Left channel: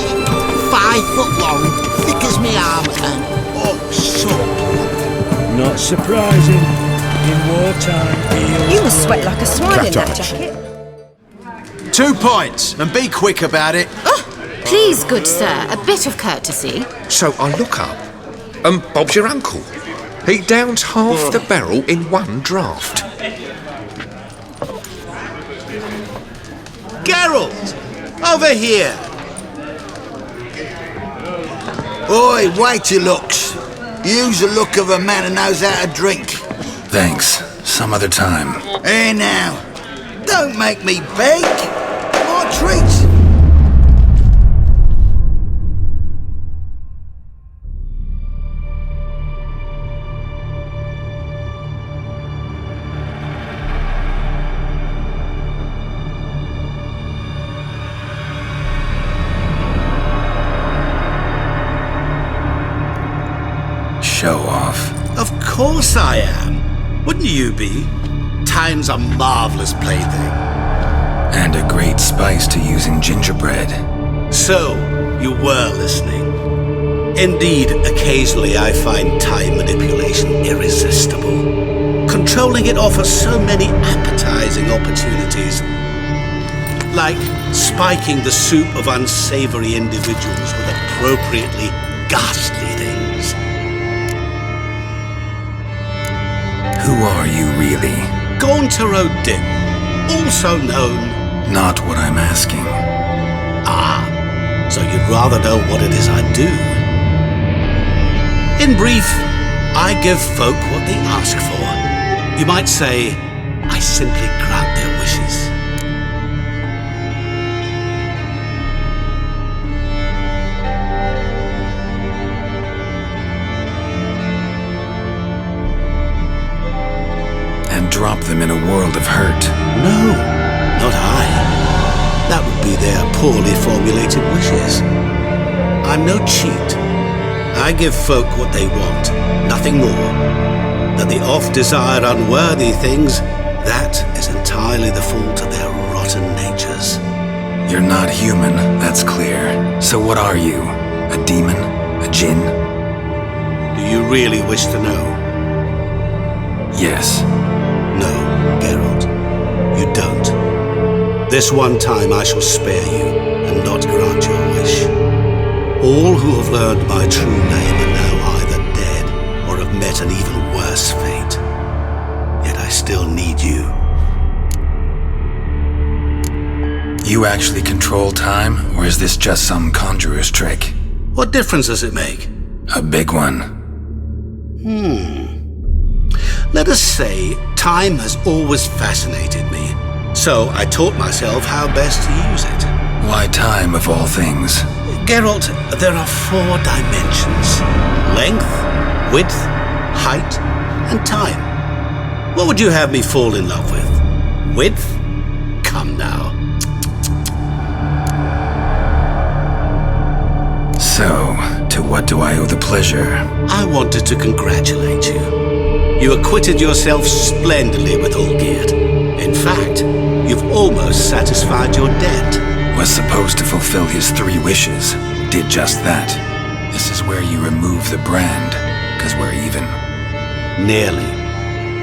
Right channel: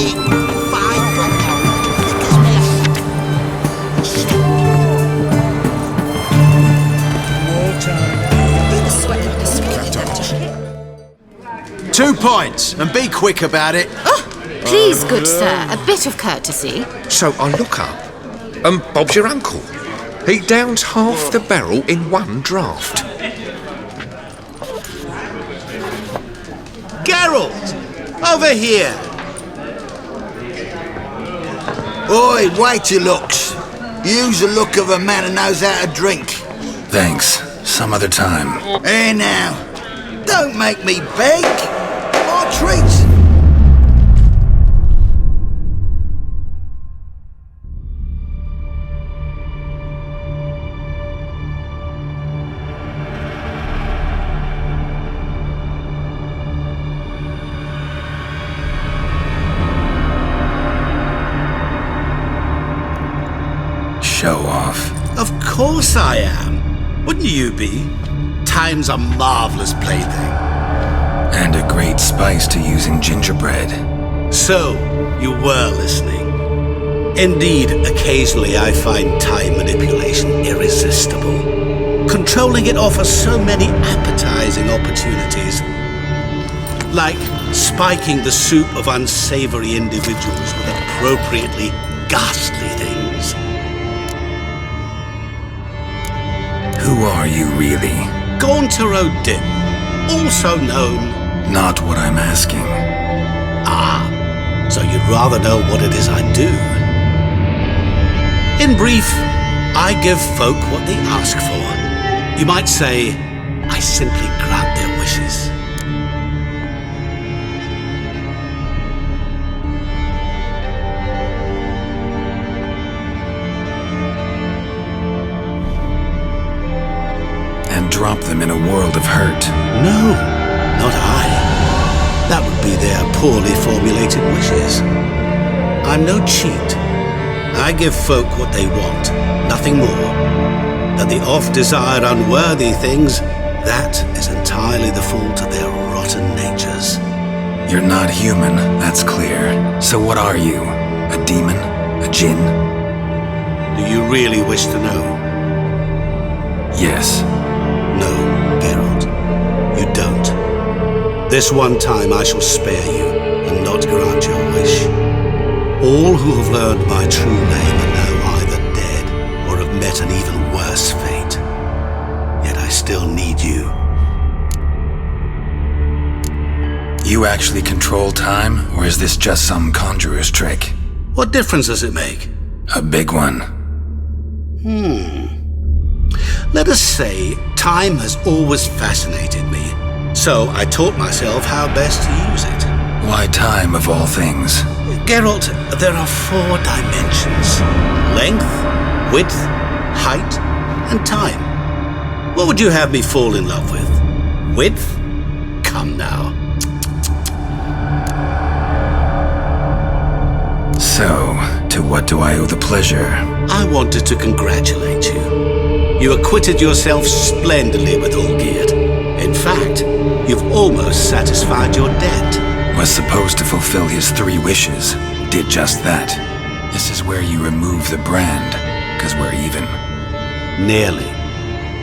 thick, 5 foot long, thick as me arter. Oh, so Not surprising. In wartime, You must sweat like a swine in that job. 2 points, and be quick about it. Oh, please, good sir, a bit of courtesy. So I look up, and Bob's your uncle. He downs half the barrel in one draught. Geralt! Over here! Oi, wait your looks. Use the look of a man who knows how to drink. Thanks. Some other time. Here now. Don't make me beg. My treat. Show off. Of course I am. Wouldn't you be? Time's a marvellous plaything. And a great spice to use in gingerbread. So, you were listening. Indeed, occasionally I find time manipulation irresistible. Controlling it offers so many appetizing opportunities. Like spiking the soup of unsavory individuals with appropriately ghastly things. Who are you, really? Gaunter O'Dim, also known... Not what I'm asking. Ah, so you'd rather know what it is I do. In brief, I give folk what they ask for. You might say, I simply grant their wishes. And drop them in a world of hurt. No, not I. That would be their poorly formulated wishes. I'm no cheat. I give folk what they want, nothing more. That they oft desire unworthy things, that is entirely the fault of their rotten natures. You're not human, that's clear. So what are you? A demon? A djinn? Do you really wish to know? Yes. No, Geralt, you don't. This one time I shall spare you and not grant your wish. All who have learned my true name are now either dead or have met an even worse fate. Yet I still need you. You actually control time, or is this just some conjurer's trick? What difference does it make? A big one. Let us say time has always fascinated me, so I taught myself how best to use it. Why time of all things? Geralt, there are 4 dimensions. Length, width, height, and time. What would you have me fall in love with? Width? Come now. So, to what do I owe the pleasure? I wanted to congratulate you. You acquitted yourself splendidly with Olgierd. In fact, you've almost satisfied your debt. Was supposed to fulfill his 3 wishes. Did just that. This is where you remove the brand, 'cause we're even. Nearly.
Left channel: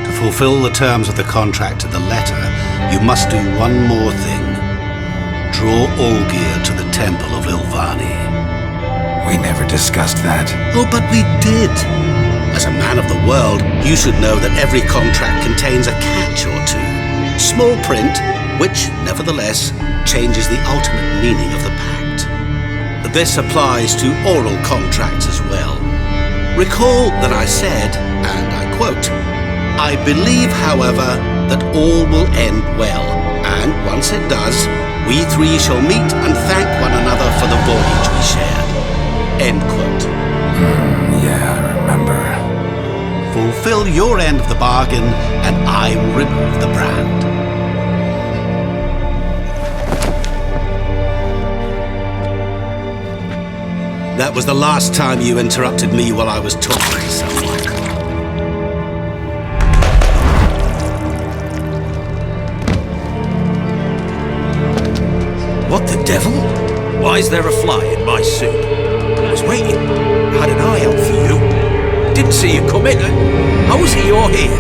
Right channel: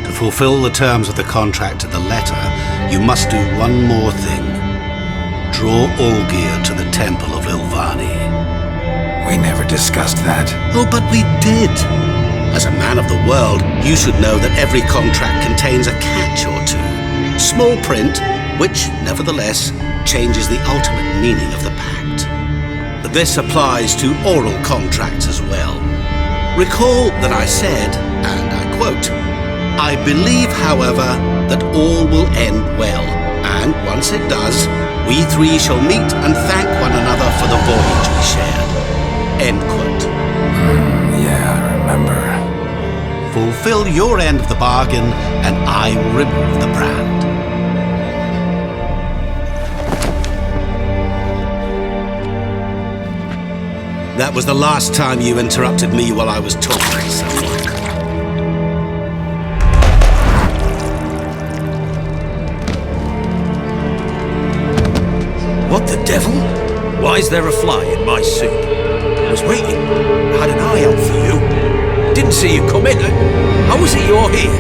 To fulfill the terms of the contract to the letter, you must do one more thing. Draw Olgierd to the Temple of Lilvani. We never discussed that. Oh, but we did. As a man of the world, you should know that every contract contains a catch or two. Small print, which, nevertheless, changes the ultimate meaning of the pact. This applies to oral contracts as well. Recall that I said, and I quote, "I believe, however, that all will end well, and once it does, we 3 shall meet and thank one another for the voyage we shared." End quote. Yeah, I remember. Fulfill your end of the bargain, and I will remove the brand. That was the last time you interrupted me while I was talking to someone. What the devil? Why is there a fly in my soup? I was waiting. I had an eye out for you. Didn't see you come in. How is it you're here?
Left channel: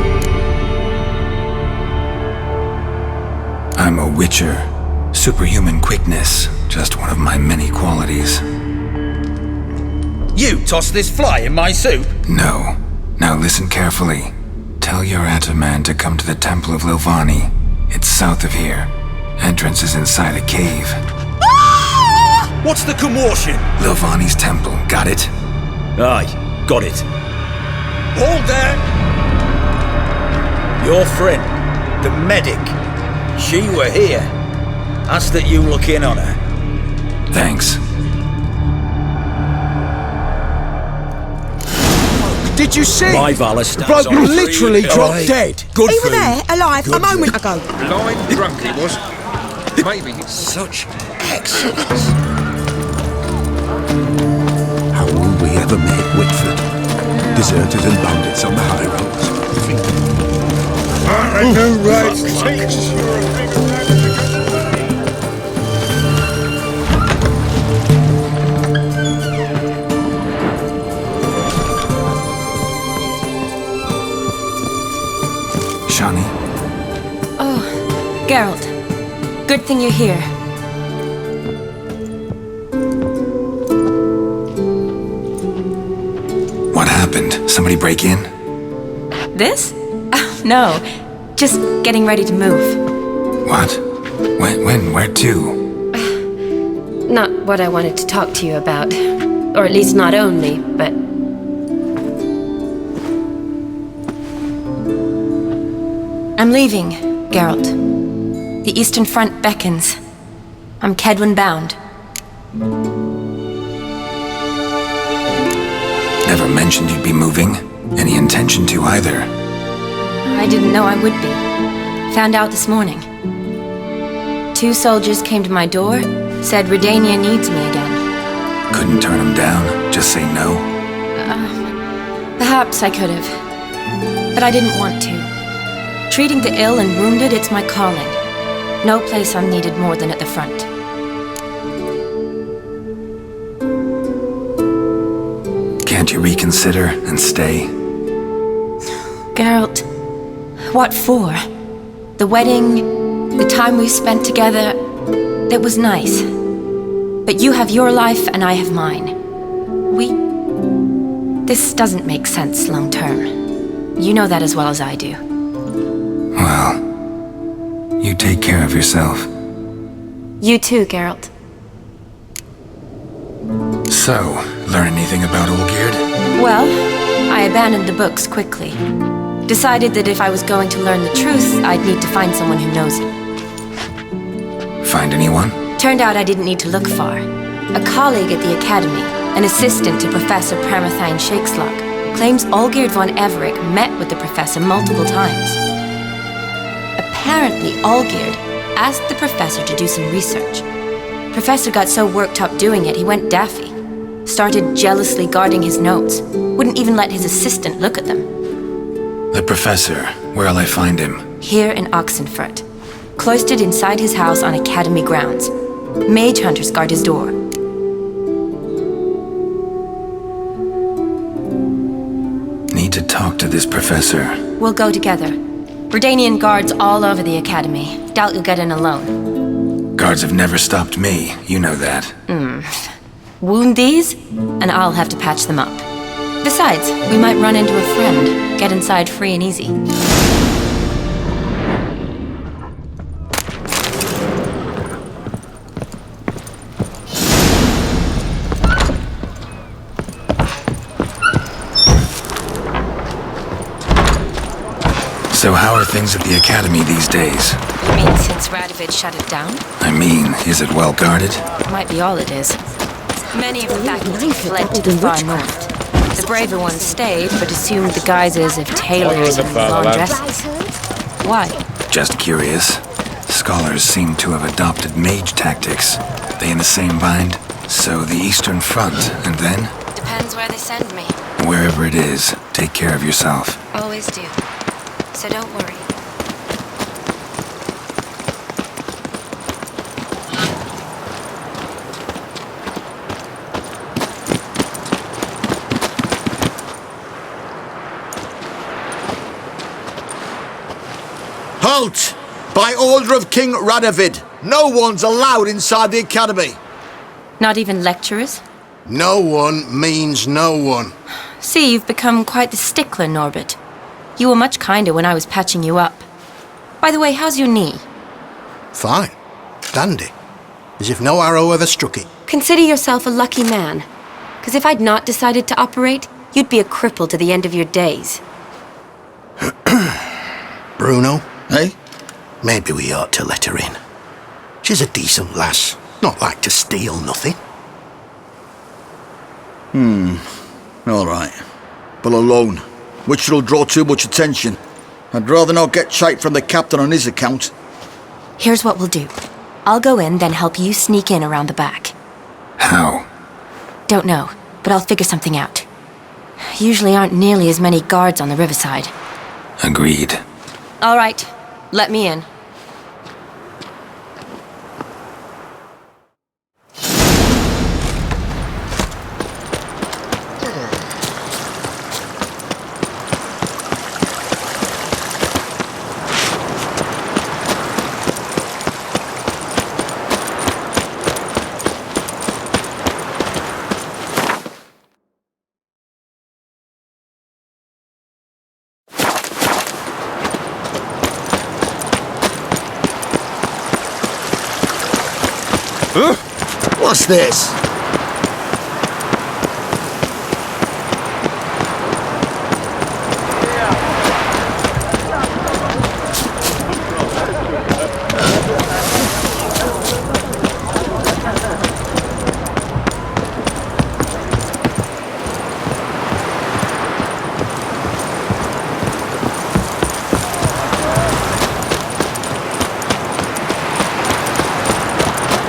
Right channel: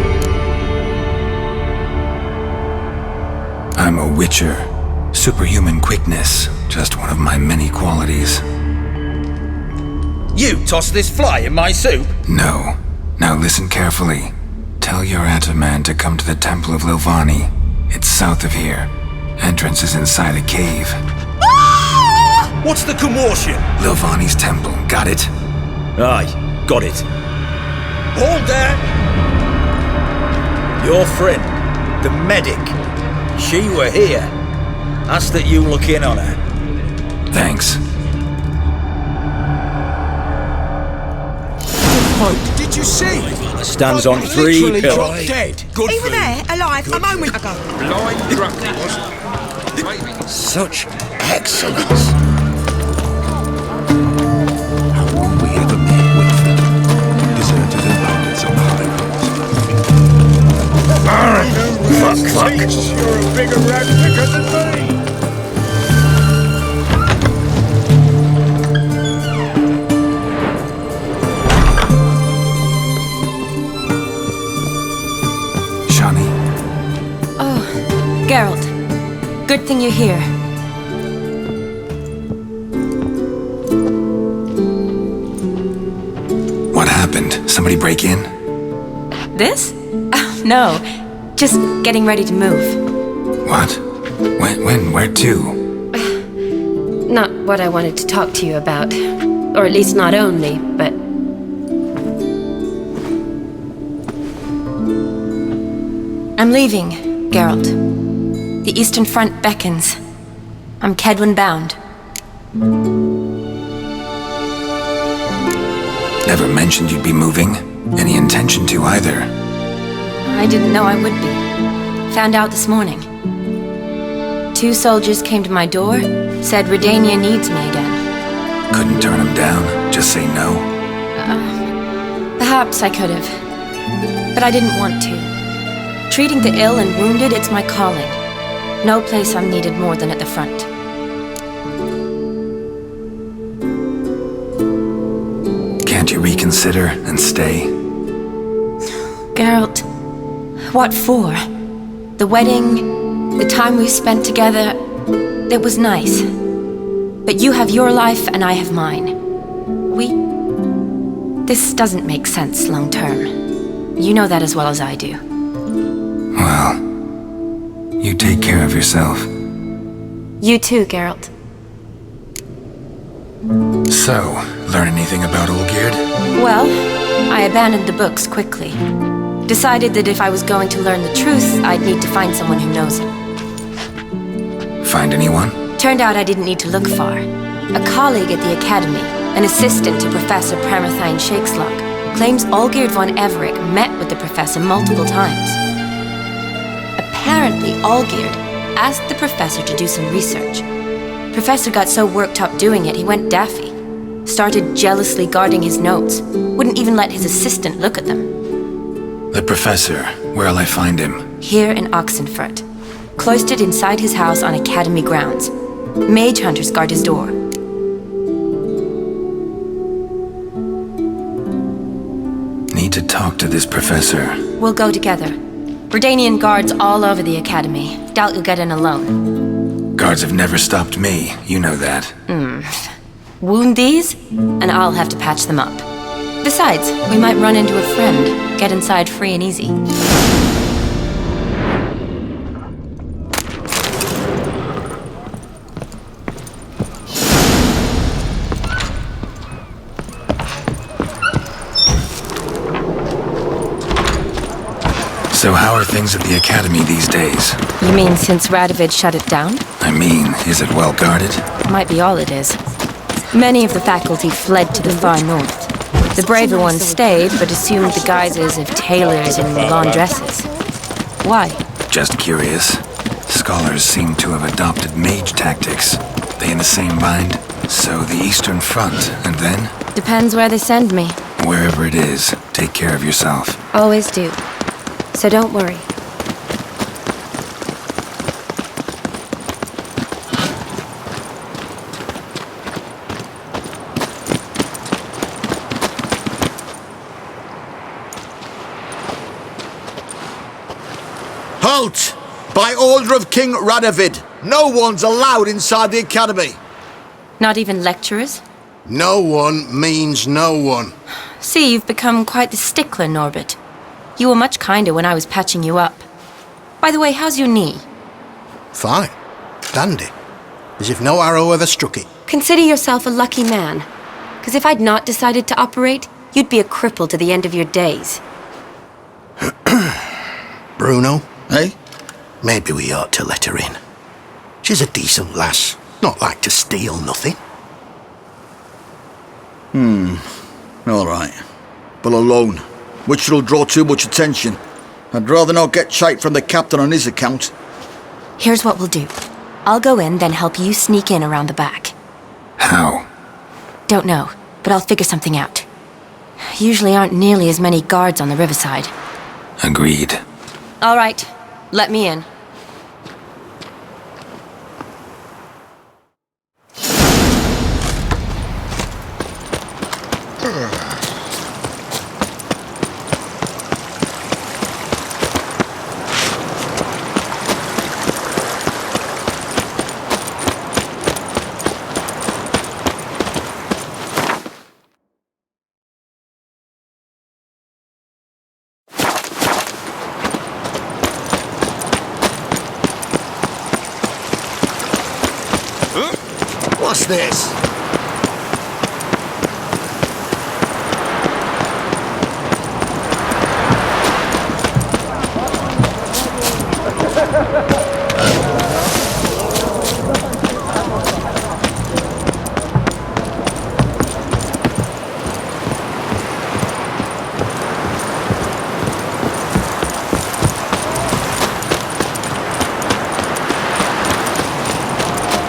I'm a witcher. Superhuman quickness, just one of my many qualities. You tossed this fly in my soup? No. Now listen carefully. Tell your Ataman to come to the Temple of Lilvani. It's south of here. Entrance is inside a cave. What's the commotion? Lilvani's temple, got it? Aye, got it. Hold there! Your friend, the medic, she were here. Asked that you look in on her. Thanks. Folk, did you see? My Valor stands Bloke on three literally pillars. dropped dead. Good He for were you. there, alive, a moment ago. Blind drunk he was. Maybe. Such excellence. We ever met Whitford? Deserters and bandits on the highways. Right, thinks you're a bigger rat picker than me. Shani, Oh, Geralt. Good thing you're here. what happened? Somebody break in? This? Oh, no. Just getting ready to move. What? When? Where to? Not what I wanted to talk to you about. Or at least not only, but... I'm leaving, Geralt. The Eastern Front beckons. I'm Kedwin bound. Never mentioned you'd be moving. Any intention to either. I didn't know I would be. Found out this morning. 2 soldiers came to my door, said Redania needs me again. Couldn't turn him down? Just say no? Perhaps I could have. But I didn't want to. Treating the ill and wounded, it's my calling. No place I'm needed more than at the front. Can't you reconsider and stay? Geralt, what for? The wedding, the time we spent together, it was nice. But you have your life and I have mine. This doesn't make sense long term. You know that as well as I do. Well, you take care of yourself. You too, Geralt. So, learn anything about Olgierd? Well, I abandoned the books quickly. Decided that if I was going to learn the truth, I'd need to find someone who knows it. Find anyone? Turned out I didn't need to look far. A colleague at the Academy, an assistant to Professor Pramathine Shakeslock, claims Olgierd von Everick met with the professor multiple times. Apparently, Olgierd asked the professor to do some research. Professor got so worked up doing it, he went daffy. Started jealously guarding his notes. Wouldn't even let his assistant look at them. The professor. Where'll I find him? Here in Oxenfurt. Cloistered inside his house on Academy grounds. Mage hunters guard his door. Need to talk to this professor. We'll go together. Redanian guards all over the Academy. Doubt you'll get in alone. Guards have never stopped me. You know that. Wound these, and I'll have to patch them up. Besides, we might run into a friend. Get inside free and easy. So how are things at the Academy these days? You mean since Radovid shut it down? I mean, is it well guarded? Might be all it is. Many of the faculty fled to the far north. The braver ones stayed, but assumed the guises of tailors and laundresses. Why? Just curious. Scholars seem to have adopted mage tactics. They in the same bind? So the Eastern Front, and then? Depends where they send me. Wherever it is, take care of yourself. Always do. So don't worry. By order of King Radovid, no one's allowed inside the academy. Not even lecturers? No one means no one. See, you've become quite the stickler, Norbert. You were much kinder when I was patching you up. By the way, how's your knee? Fine. Dandy. As if no arrow ever struck it. Consider yourself a lucky man. Because if I'd not decided to operate, you'd be a cripple to the end of your days. Bruno? Eh? Maybe we ought to let her in. She's a decent lass. Not like to steal nothing. All right. But alone, which will draw too much attention. I'd rather not get shite from the captain on his account. Here's what we'll do. I'll go in, then help you sneak in around the back. How? Don't know, but I'll figure something out. Usually aren't nearly as many guards on the riverside. Agreed. All right, let me in. What's this?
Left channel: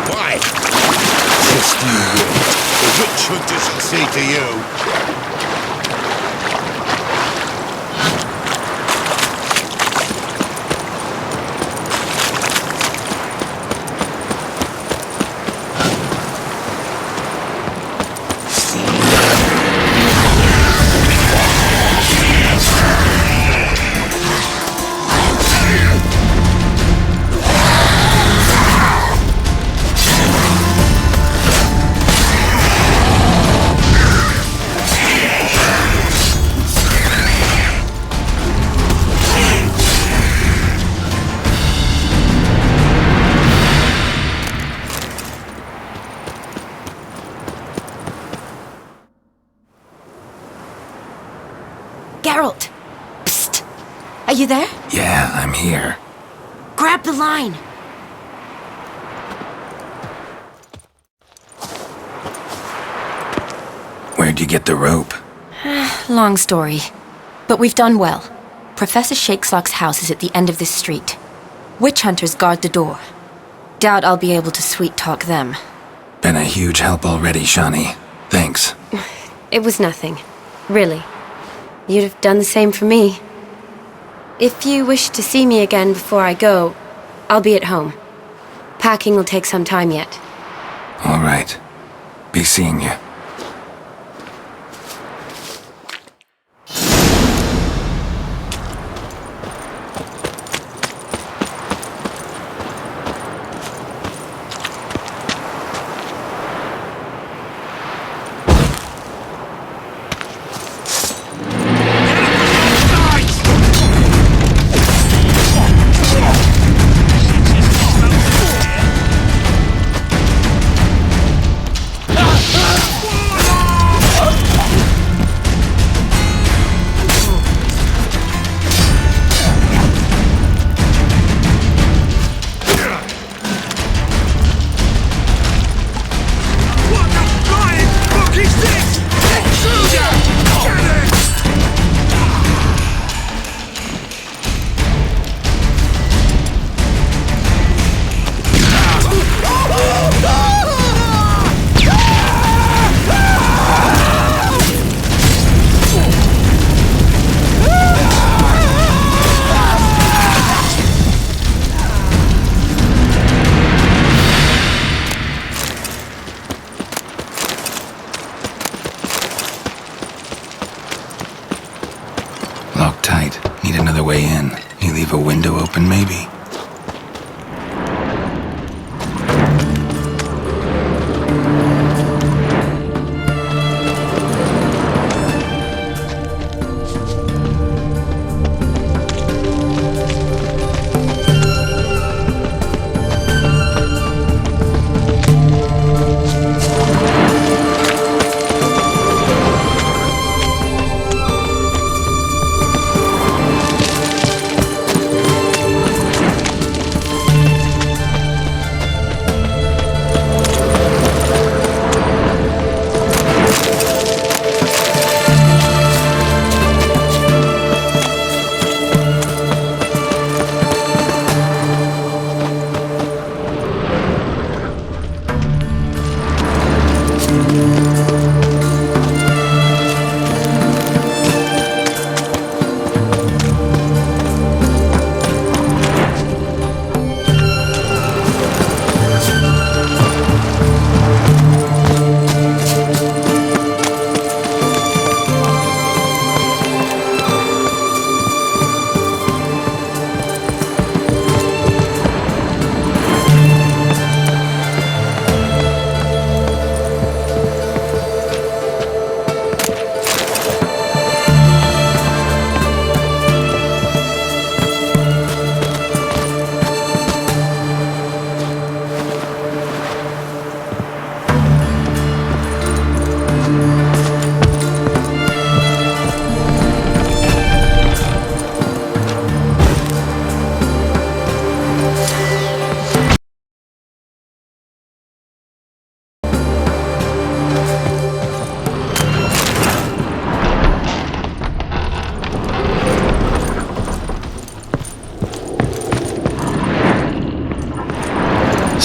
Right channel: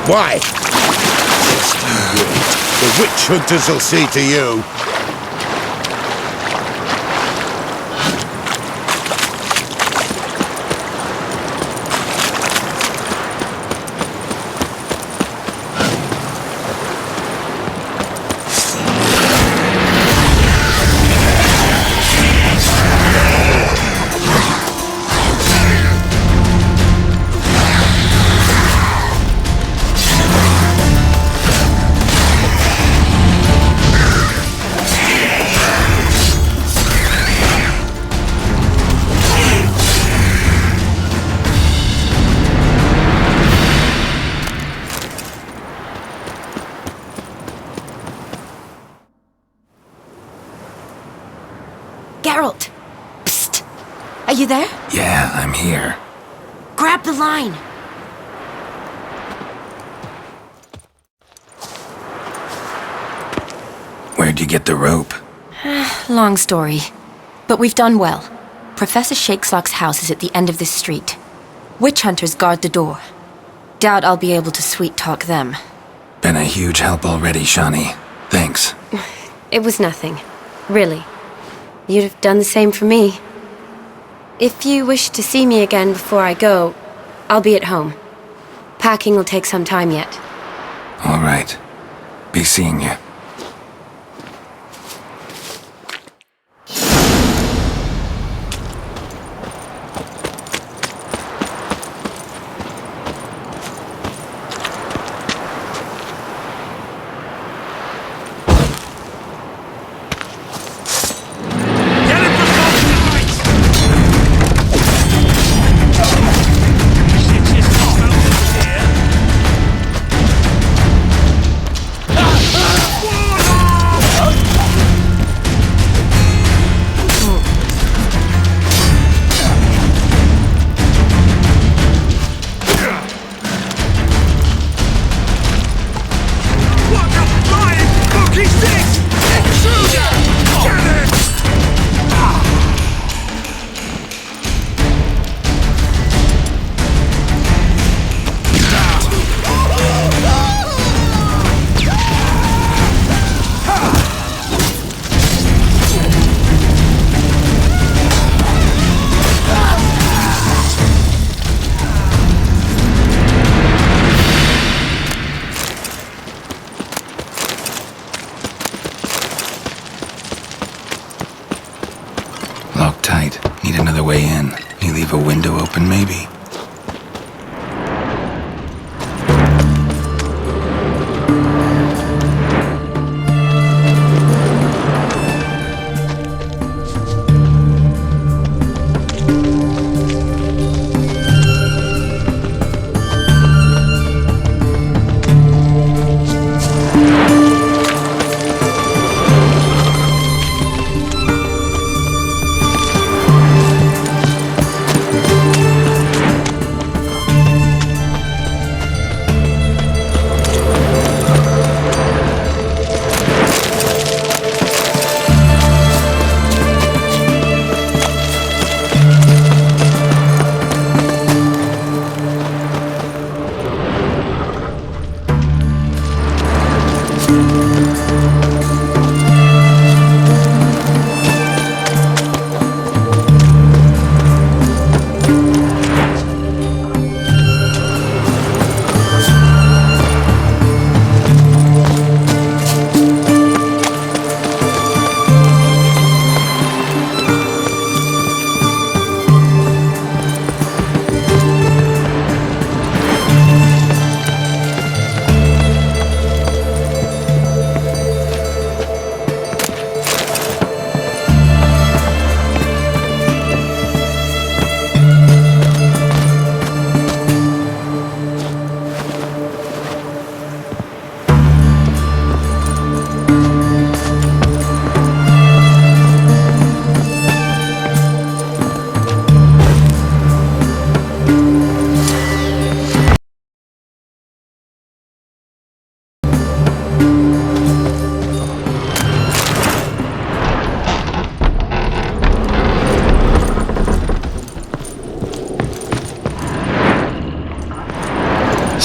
Why? Yes, you will. The witch hunters will see to you. Geralt! Psst! Are you there? Yeah, I'm here. Grab the line! Where'd you get the rope? Long story. But we've done well. Professor Shakeslock's house is at the end of this street. Witch hunters guard the door. Doubt I'll be able to sweet-talk them. Been a huge help already, Shani. Thanks. It was nothing. Really. You'd have done the same for me. If you wish to see me again before I go, I'll be at home. Packing will take some time yet. All right. Be seeing you. Get it from both sides! Shit, just about to here. What the flying fuck is this? Intruder! Get it! Locked tight. Need another way in. You leave a window open, maybe?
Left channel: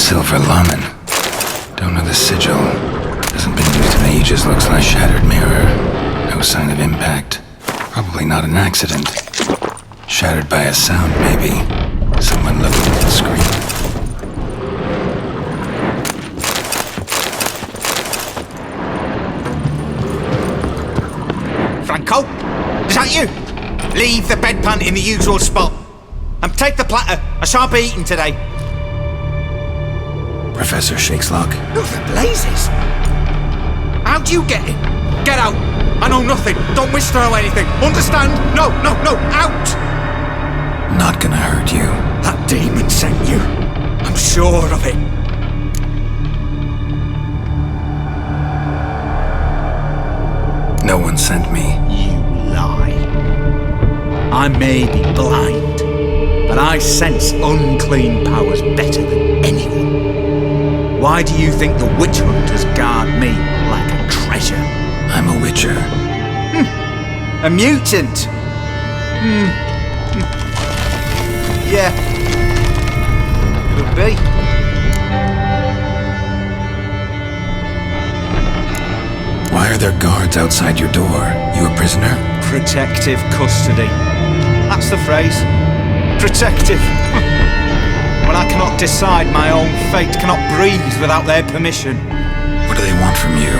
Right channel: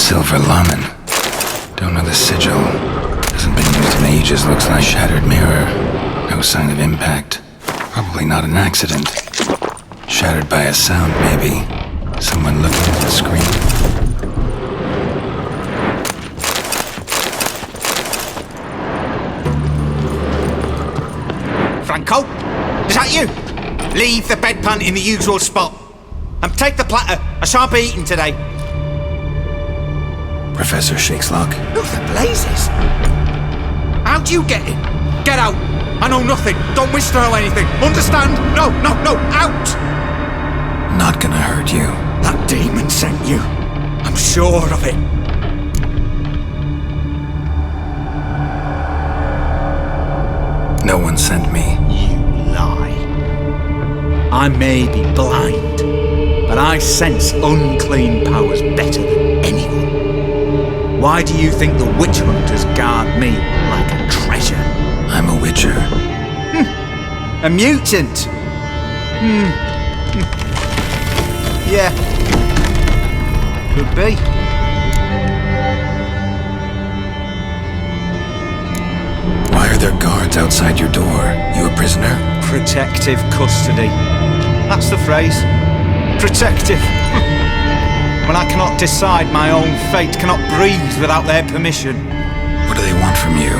Silver Lamen. Don't know the sigil. Hasn't been used in ages, looks like. Shattered mirror. No sign of impact. Probably not an accident. Shattered by a sound, maybe. Someone looking at the screen. Franco? Is that you? Leave the bedpan in the usual spot. And take the platter. I shan't be eating today. Professor Shakeslock. Who the blazes? How'd you get in? Get out. I know nothing. Don't wish to know anything. Understand? No, out! Not gonna hurt you. That demon sent you. I'm sure of it. No one sent me. You lie. I may be blind, but I sense unclean powers better than anyone. Why do you think the witch hunters guard me like a treasure? I'm a witcher. A mutant? Yeah. Could be. Why are there guards outside your door? You a prisoner? Protective custody. That's the phrase. Protective. When I cannot decide my own fate, cannot breathe without their permission. What do they want from you?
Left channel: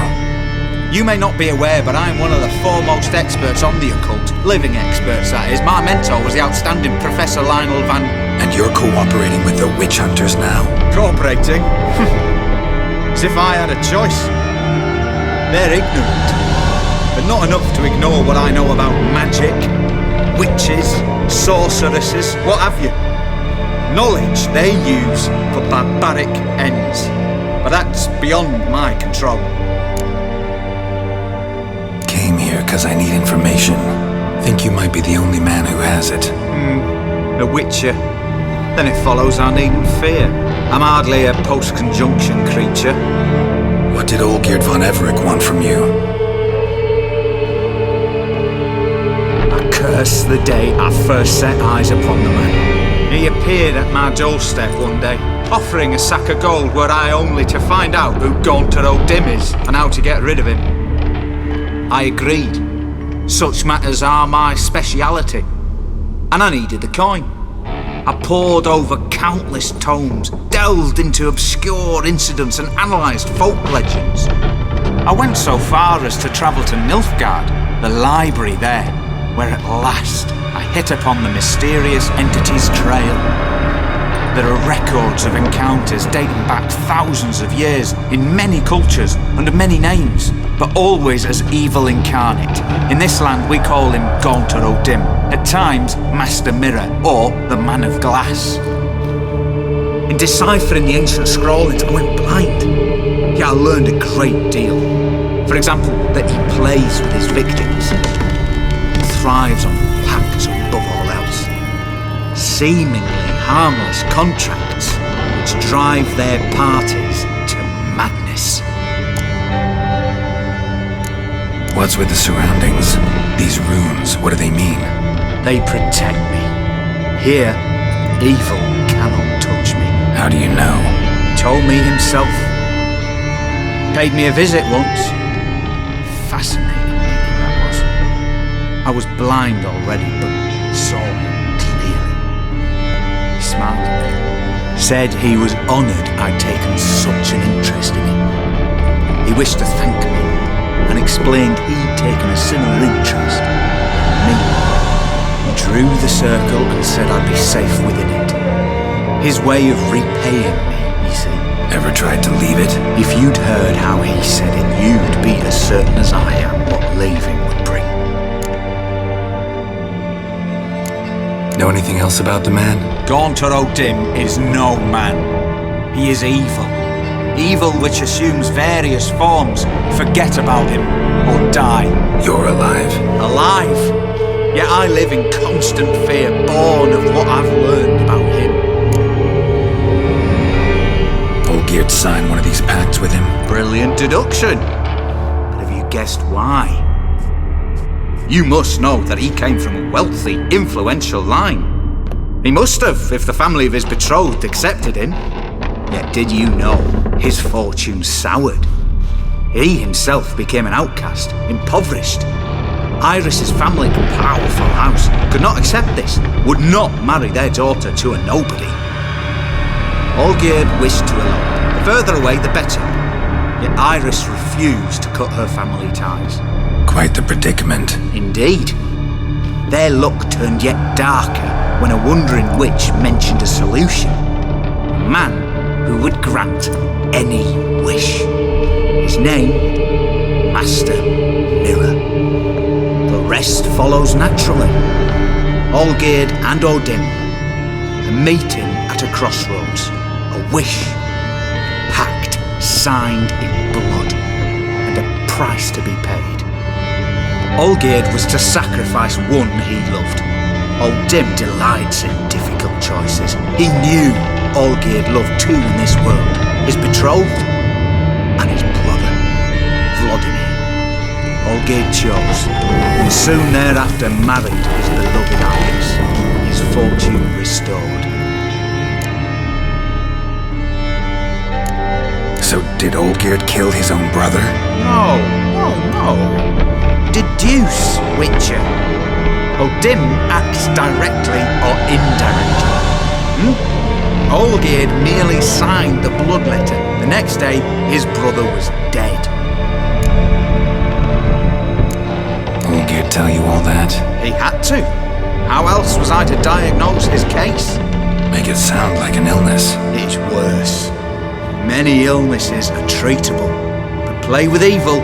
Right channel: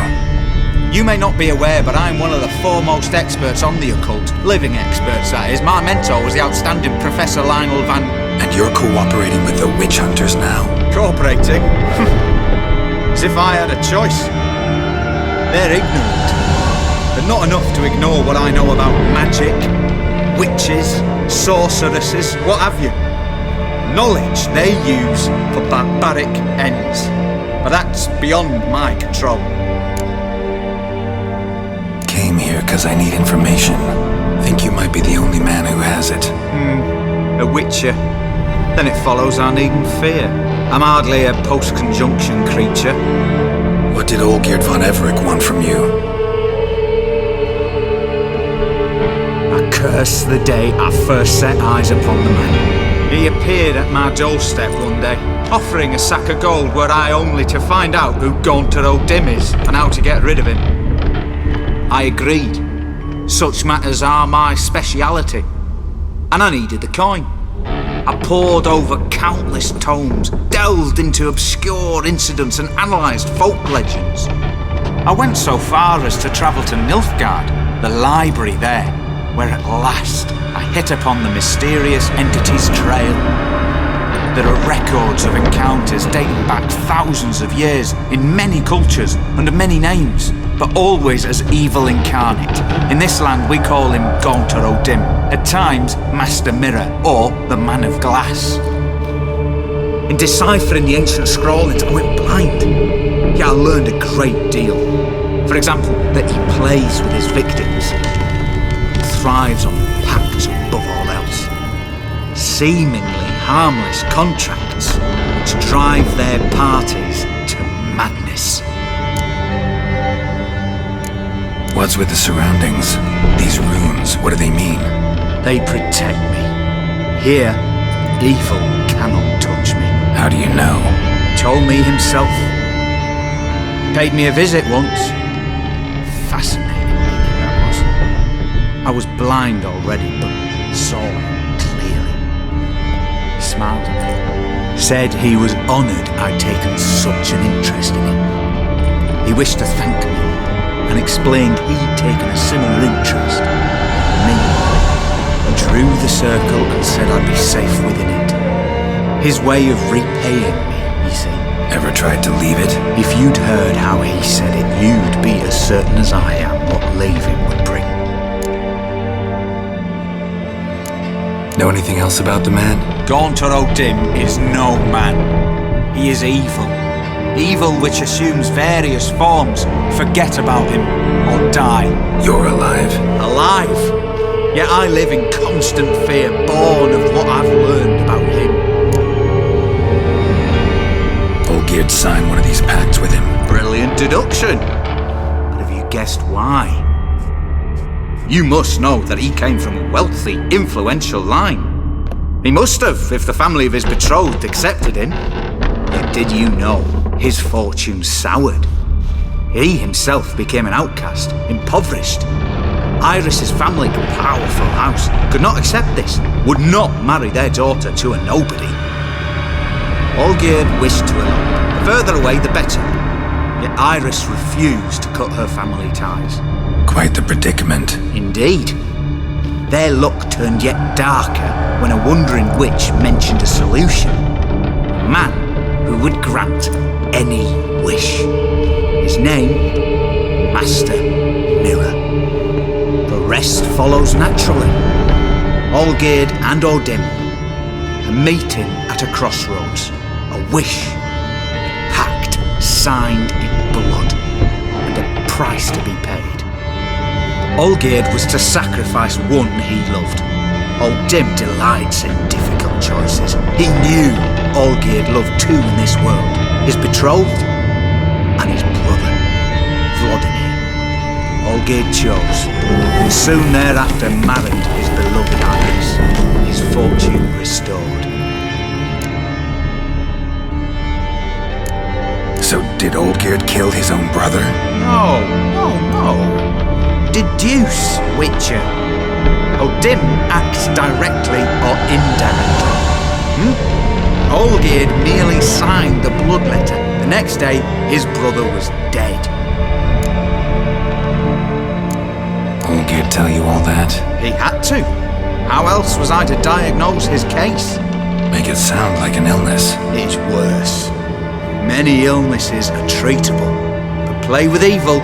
You may not be aware, but I'm one of the foremost experts on the occult. Living experts, that is. My mentor was the outstanding Professor Lionel Van... And you're cooperating with the witch hunters now? Cooperating? As if I had a choice. They're ignorant, but not enough to ignore what I know about magic, witches, sorceresses, what have you. Knowledge they use for barbaric ends. But that's beyond my control. Came here because I need information. Think you might be the only man who has it. A witcher. Then it follows I needn't fear. I'm hardly a post-conjunction creature. What did Olgierd von Everec want from you? I curse the day I first set eyes upon the man. He appeared at my doorstep one day, offering a sack of gold were I only to find out who Gaunter O'Dim is and how to get rid of him. I agreed. Such matters are my speciality. And I needed the coin. I pored over countless tomes, delved into obscure incidents and analysed folk legends. I went so far as to travel to Nilfgaard, the library there, where at last I hit upon the mysterious entity's trail. There are records of encounters dating back thousands of years in many cultures under many names, but always as evil incarnate. In this land we call him Gaunter O'Dim, at times Master Mirror or the Man of Glass. In deciphering the ancient scrawlings I went blind, yet I learned a great deal. For example, that he plays with his victims and thrives on pacts above all else. Seemingly harmless contracts which drive their parties to madness. What's with the surroundings? These runes, what do they mean? They protect me. Here, evil cannot touch me. How do you know? Told me himself. Paid me a visit once. Fascinating meeting that was. I was blind already, but saw him clearly. He smiled at me. Said he was honoured I'd taken such an interest in him. He wished to thank me and explained he'd taken a similar interest in me. He drew the circle and said I'd be safe within it. His way of repaying me, you see. Ever tried to leave it? If you'd heard how he said it, you'd be as certain as I am what leaving would bring. Know anything else about the man? Gaunter O'Dim is no man. He is evil. Evil which assumes various forms. Forget about him, or die. You're alive. Alive? Yet I live in constant fear, born of what I've learned about him. Olgierd signed one of these pacts with him? Brilliant deduction. But have you guessed why? You must know that he came from a wealthy, influential line. He must have, if the family of his betrothed accepted him. Yet did you know his fortune soured? He himself became an outcast, impoverished. Iris's family and powerful house could not accept this, would not marry their daughter to a nobody. Olgierd wished to elope, the further away the better. Yet Iris refused to cut her family ties. Quite the predicament. Indeed. Their luck turned yet darker when a wandering witch mentioned a solution. A man who would grant any wish. His name, Master Mirror. The rest follows naturally. Olgierd and Odin, a meeting at a crossroads, a wish, a pact signed in blood, and a price to be paid. Olgierd was to sacrifice one he loved. Odin delights in difficult choices. He knew Olgierd loved two in this world, his betrothed and his brother, Vladimir. Olgierd chose, and soon thereafter married his beloved Iris, his fortune restored. So did Olgierd kill his own brother? No. Deduce, Witcher. Odin acts directly or indirectly. Olgierd merely signed the blood letter. The next day, his brother was dead. Olgierd tell you all that? He had to. How else was I to diagnose his case? Make it sound like an illness. It is worse. Many illnesses are treatable, but play with evil,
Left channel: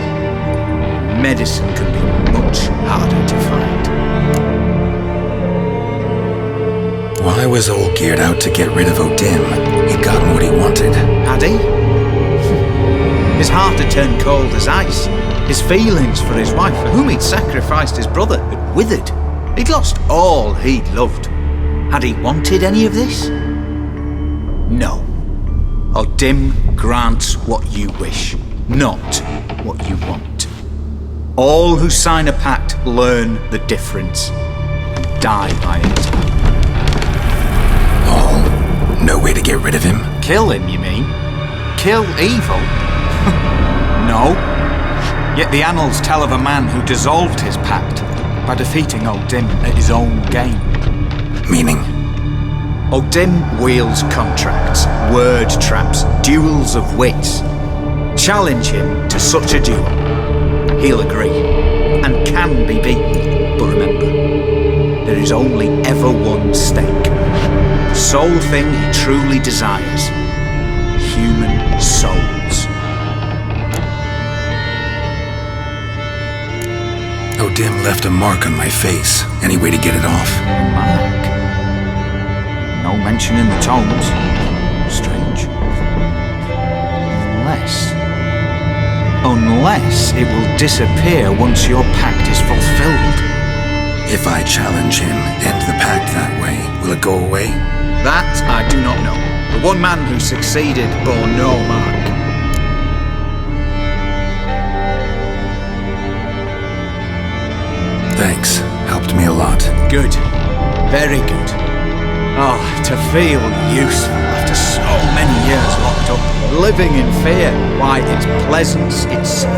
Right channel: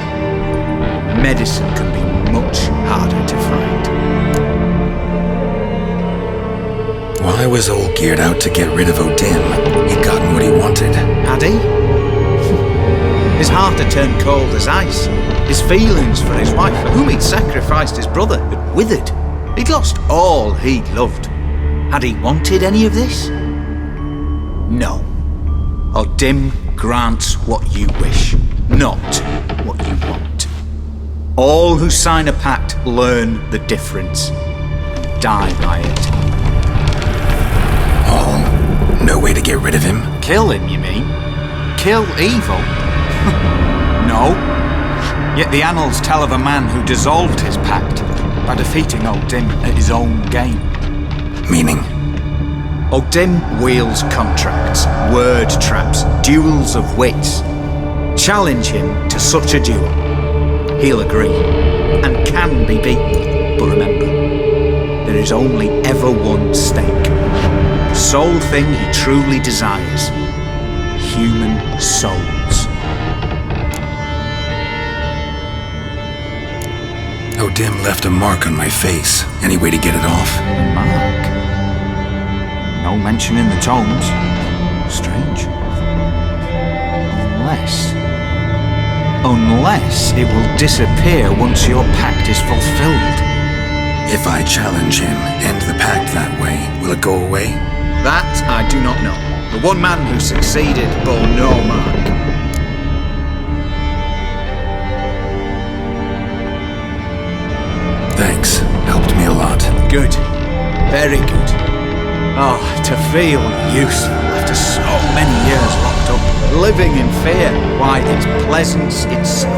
medicine can be much harder to find. Why was Olgierd out to get rid of Odin? He'd gotten what he wanted. Had he? His heart had turned cold as ice. His feelings for his wife, for whom he'd sacrificed his brother, had withered. He'd lost all he'd loved. Had he wanted any of this? No. Odin grants what you wish, not what you want. All who sign a pact learn the difference and die by it. All? No way to get rid of him? Kill him, you mean? Kill evil? No. Yet the annals tell of a man who dissolved his pact by defeating Odin at his own game. Meaning? Odin wields contracts, word traps, duels of wits. Challenge him to such a duel. He'll agree, and can be beaten. But remember, there is only ever one stake. Sole thing he truly desires. Human souls. Odin left a mark on my face. Any way to get it off? A mark? No mention in the tomes. Strange. Unless it will disappear once your pact is fulfilled. If I challenge him, end the pact that way, will it go away? That I do not know. The one man who succeeded bore no mark. Thanks. Helped me a lot. Good. Very good. Oh, to feel useful after so many years locked up, living in fear. Why, it's pleasance itself.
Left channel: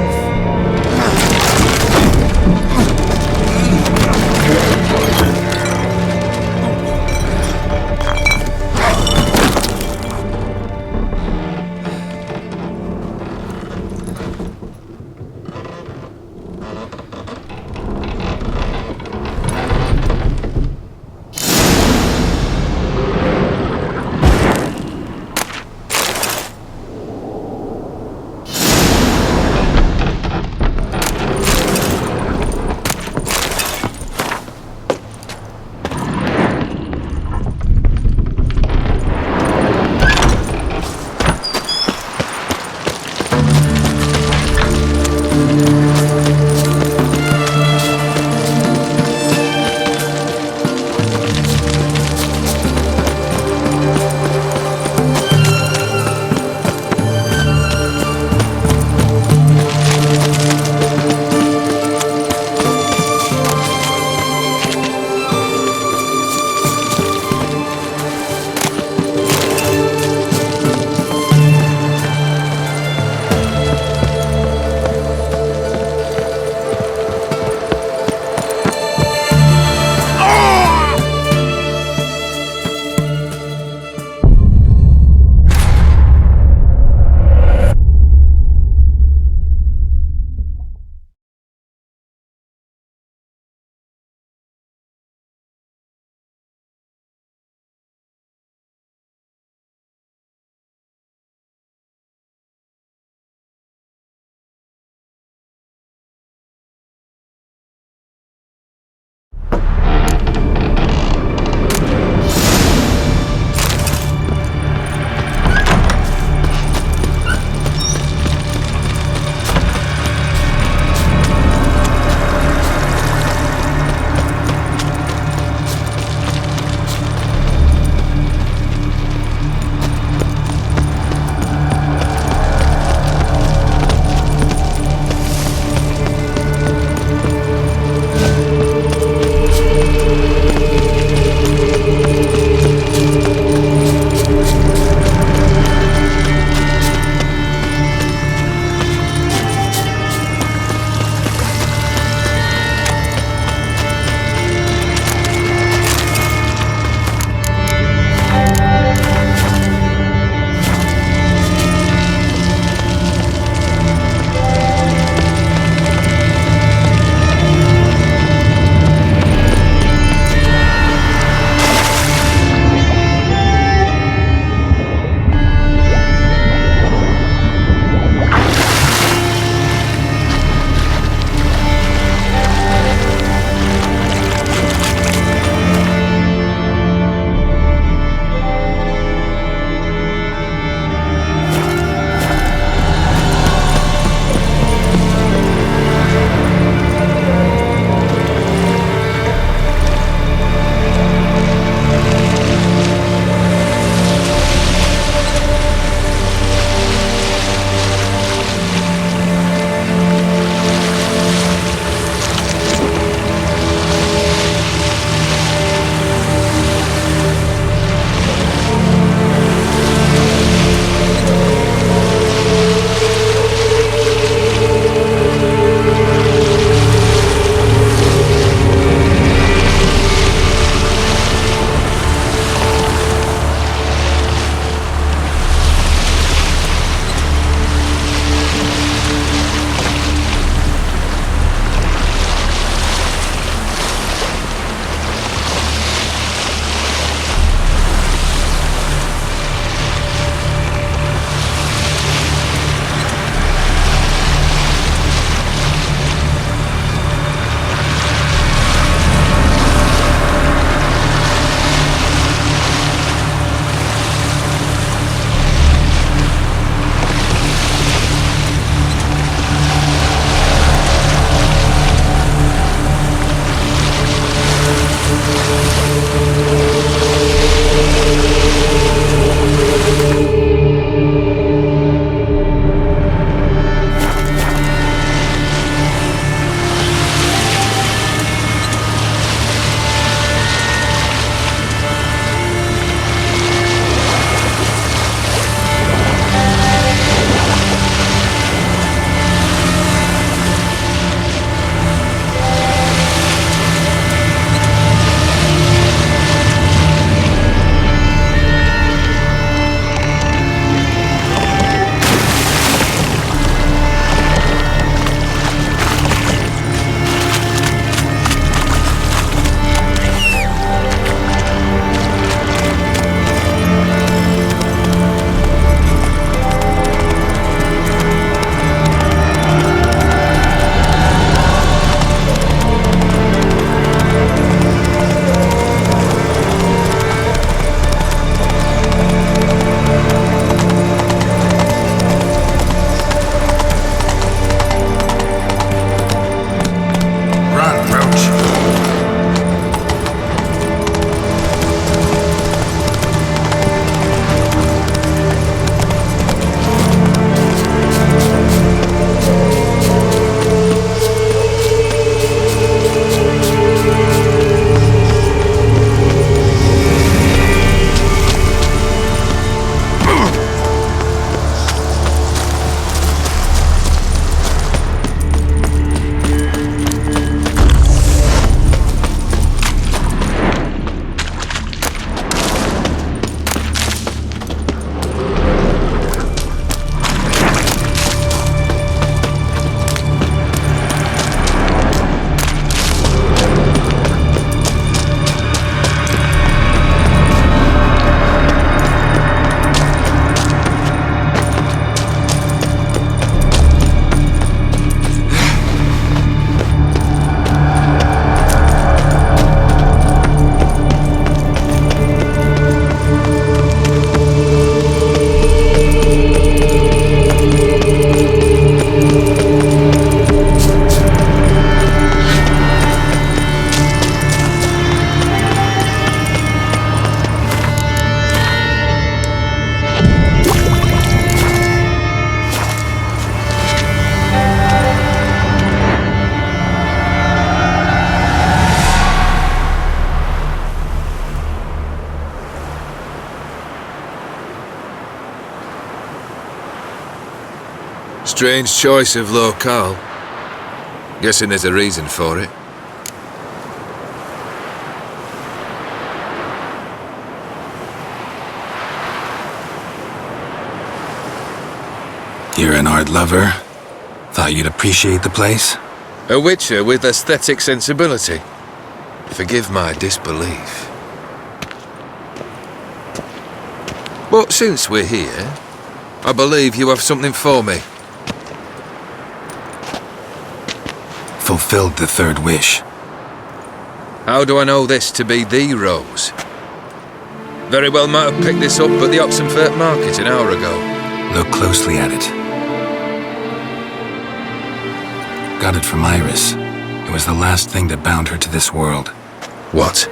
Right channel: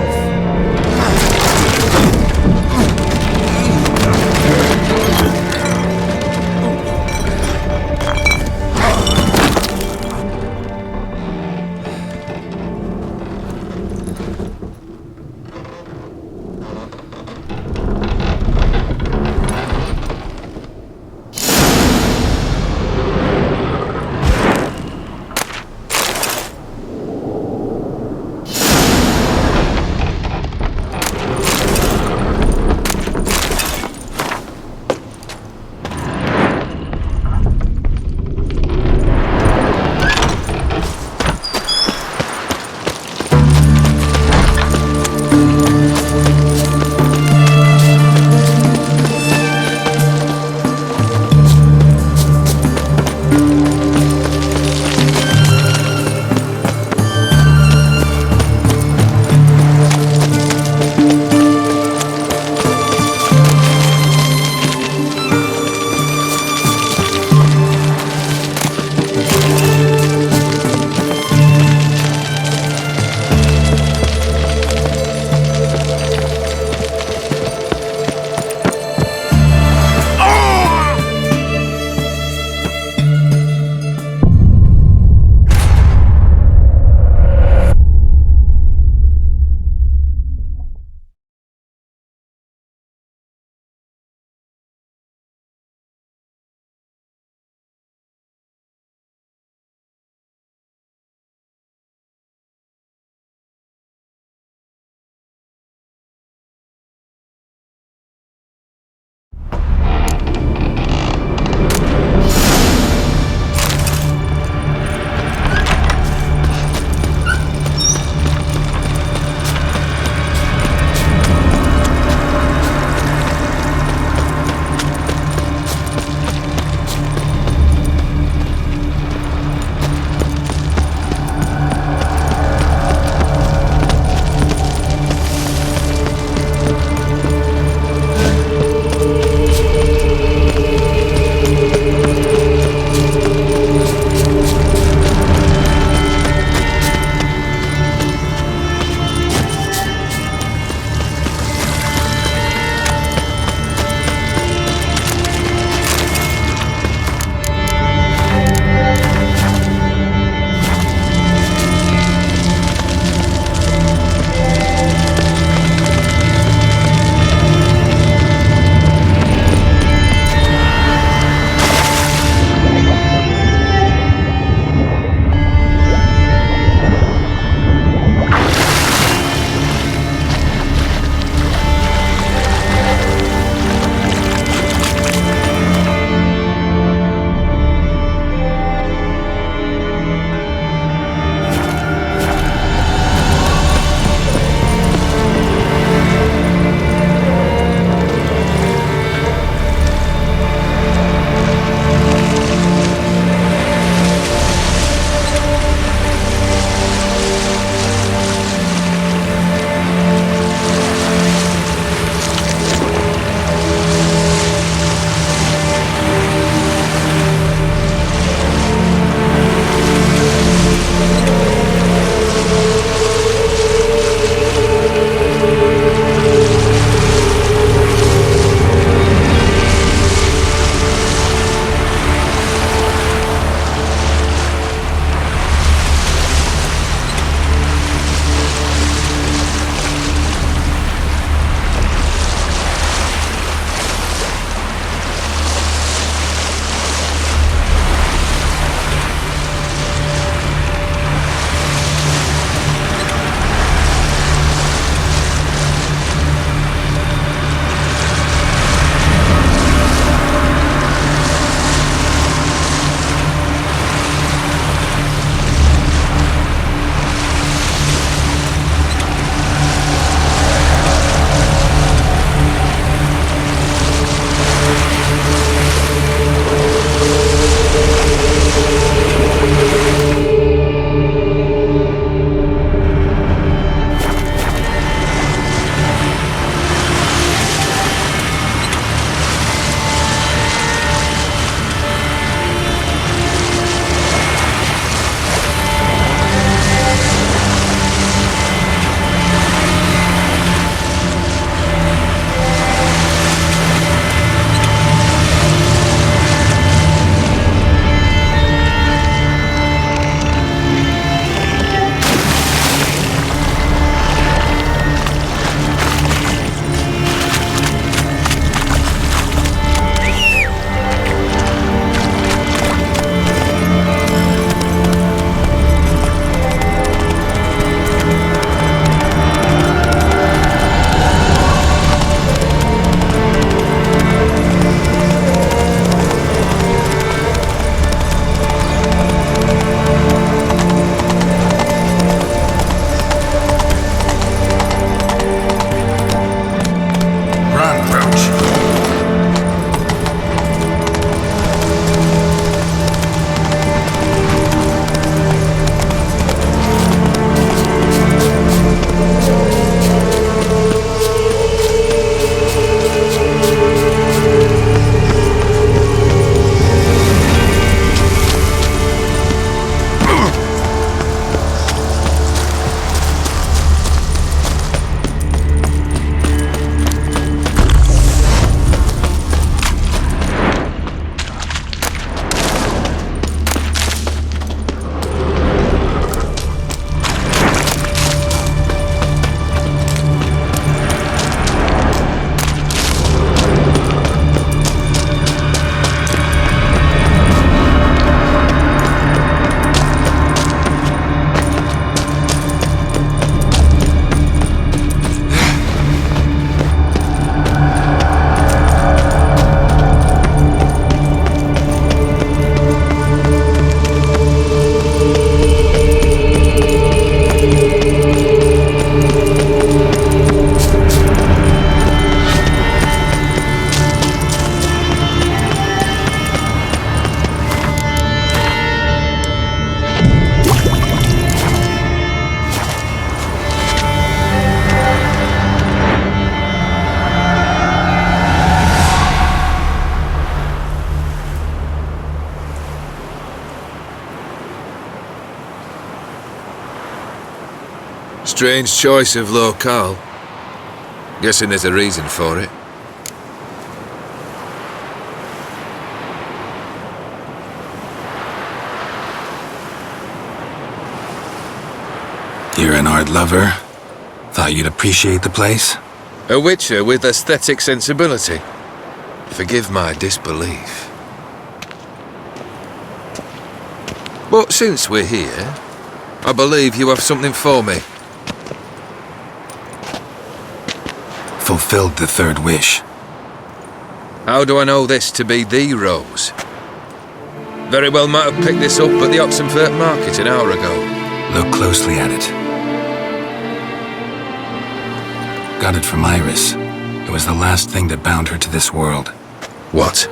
Run, Roach. Strange choice of locale. Guessing there's a reason for it. You're an art lover. Thought you'd appreciate the place? A witcher with aesthetic sensibility. Forgive my disbelief. But since we're here, I believe you have something for me. Fulfilled the third wish. How do I know this to be the rose? Very well might have picked this up at the Oxenfurt market an hour ago. Look closely at it. Got it from Iris. It was the last thing that bound her to this world. What?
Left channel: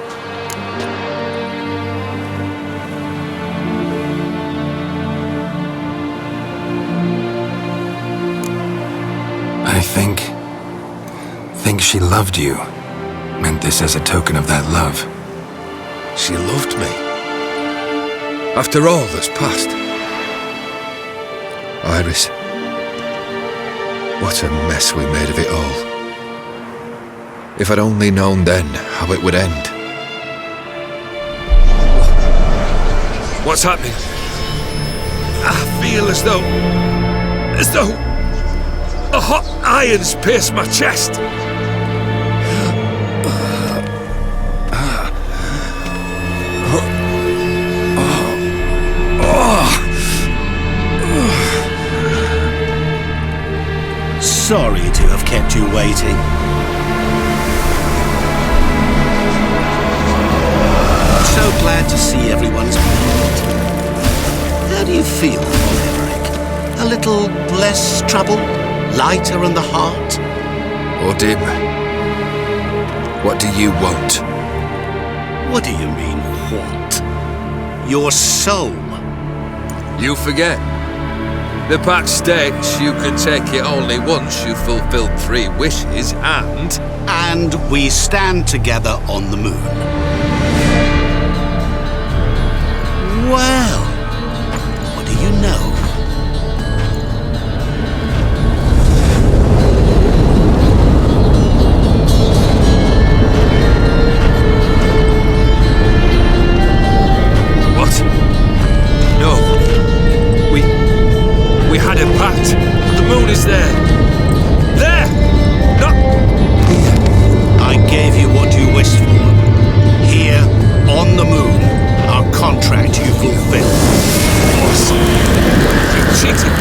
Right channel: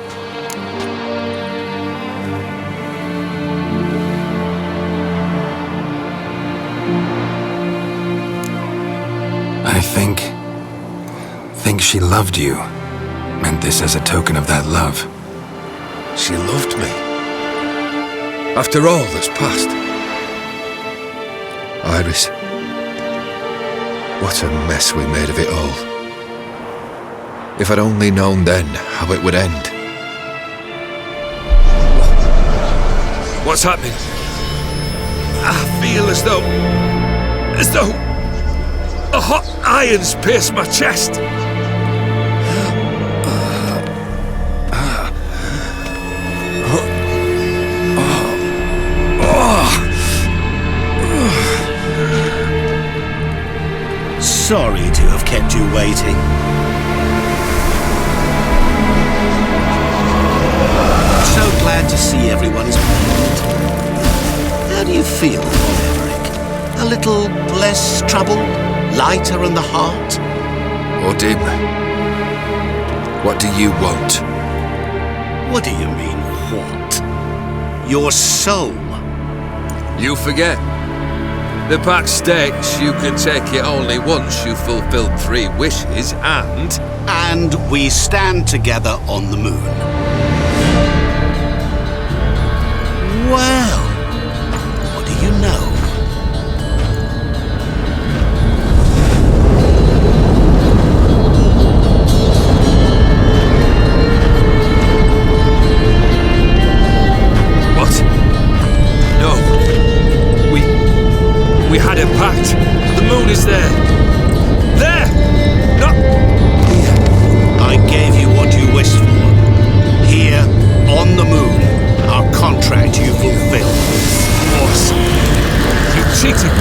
I think she loved you. Meant this as a token of that love. She loved me. After all that's passed. Iris. What a mess we made of it all. If I'd only known then how it would end. What's happening? I feel as though a hot iron's pierced my chest. Sorry to have kept you waiting. So glad to see everyone's made. How do you feel, Von Everett? A little less troubled? Lighter in the heart? Odim, what do you want? What do you mean, what? Your soul. You forget. The pact states you can take it only once you've fulfilled 3 wishes and... And we stand together on the moon. Well, what do you know? What? No. We had a pact. The moon is there. There! Not here. I gave you what you wished for. Here, on the moon, our contract you fulfilled. Boss, you cheated me.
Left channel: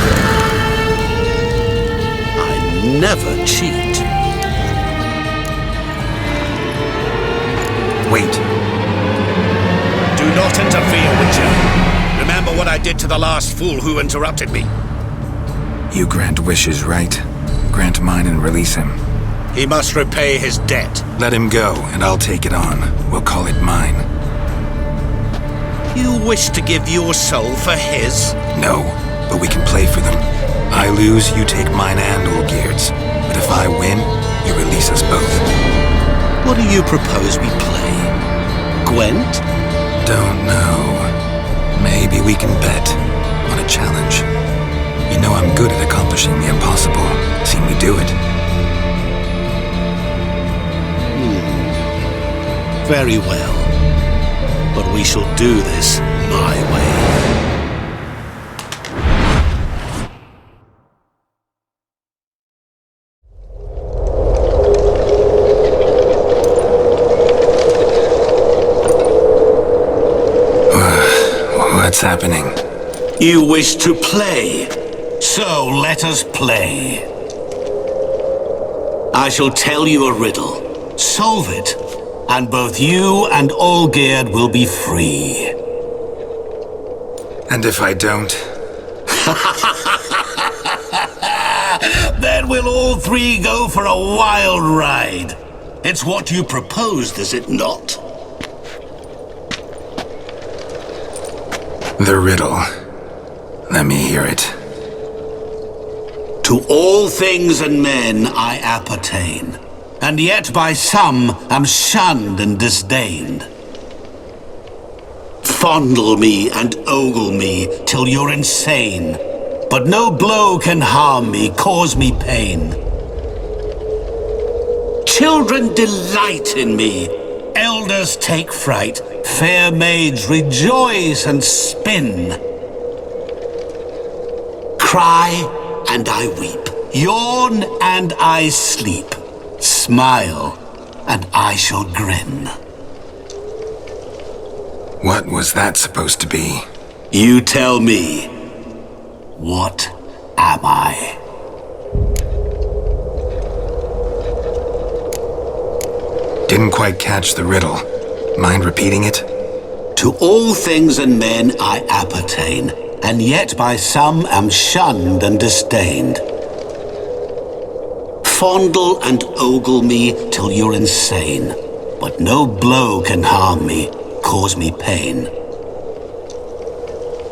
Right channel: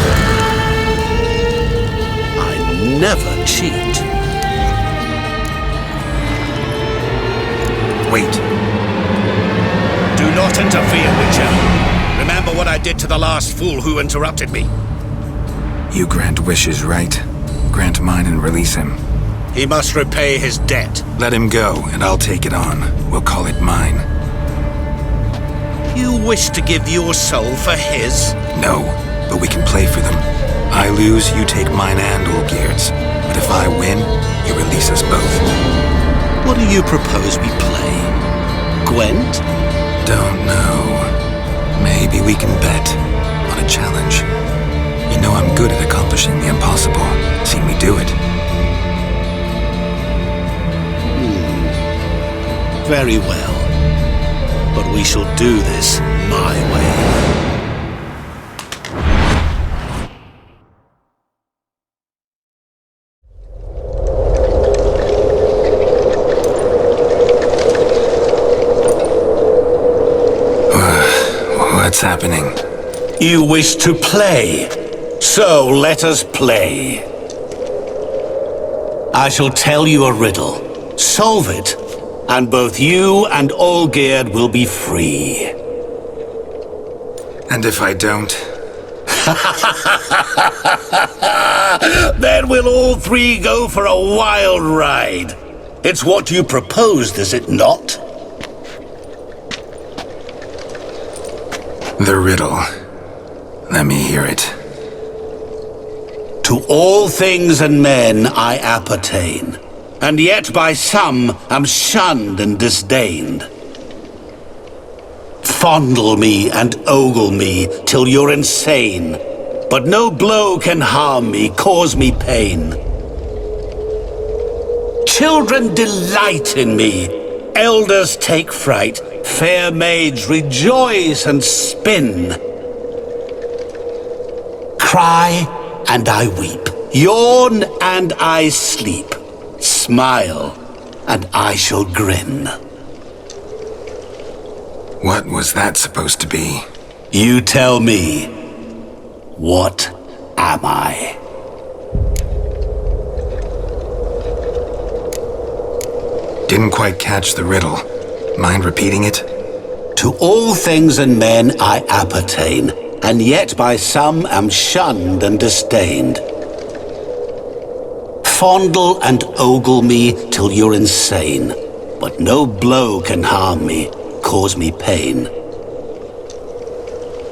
I never cheat. Wait. Do not interfere, Witcher. Remember what I did to the last fool who interrupted me. You grant wishes, right? Grant mine and release him. He must repay his debt. Let him go, and I'll take it on. We'll call it mine. You wish to give your soul for his? No, but we can play for them. I lose, you take mine and Olgierd's. But if I win, you release us both. What do you propose we play? Gwent? Don't know. Maybe we can bet on a challenge. You know I'm good at accomplishing the impossible. Seen me do it. Very well. But we shall do this my way. What's happening? You wish to play, so let us play. I shall tell you a riddle. Solve it, and both you and Olgierd will be free. And if I don't? Then we'll all 3 go for a wild ride. It's what you proposed, is it not? The riddle. Let me hear it. To all things and men I appertain, and yet by some am shunned and disdained. Fondle me and ogle me till you're insane, but no blow can harm me, cause me pain. Children delight in me, elders take fright, fair maids rejoice and spin. Cry and I weep, yawn and I sleep, smile and I shall grin. What was that supposed to be? You tell me. What am I? Didn't quite catch the riddle. Mind repeating it? To all things and men I appertain, and yet by some am shunned and disdained. Fondle and ogle me till you're insane, but no blow can harm me, cause me pain.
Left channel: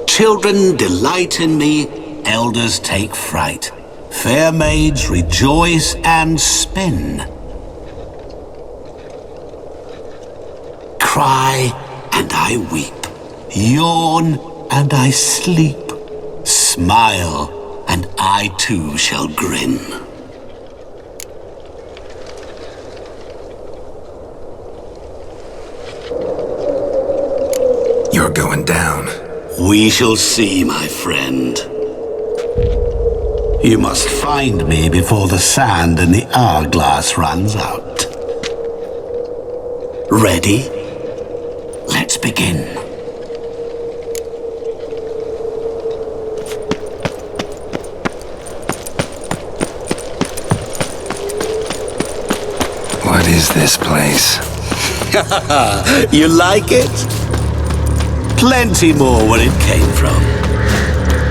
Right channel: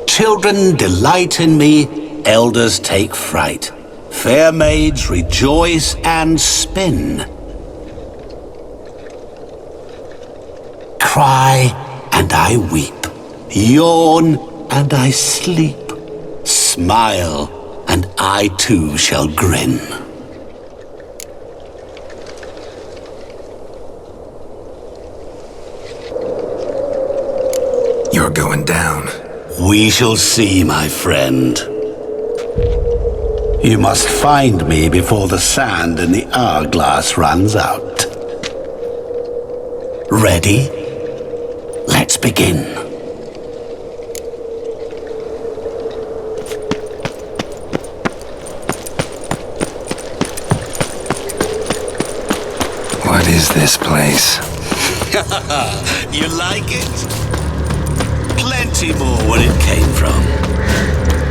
Children delight in me, elders take fright, fair maids rejoice and spin. Cry and I weep, yawn and I sleep, smile and I too shall grin. We shall see, my friend. You must find me before the sand in the hourglass runs out. Ready? Let's begin. What is this place? You like it? Plenty more where it came from.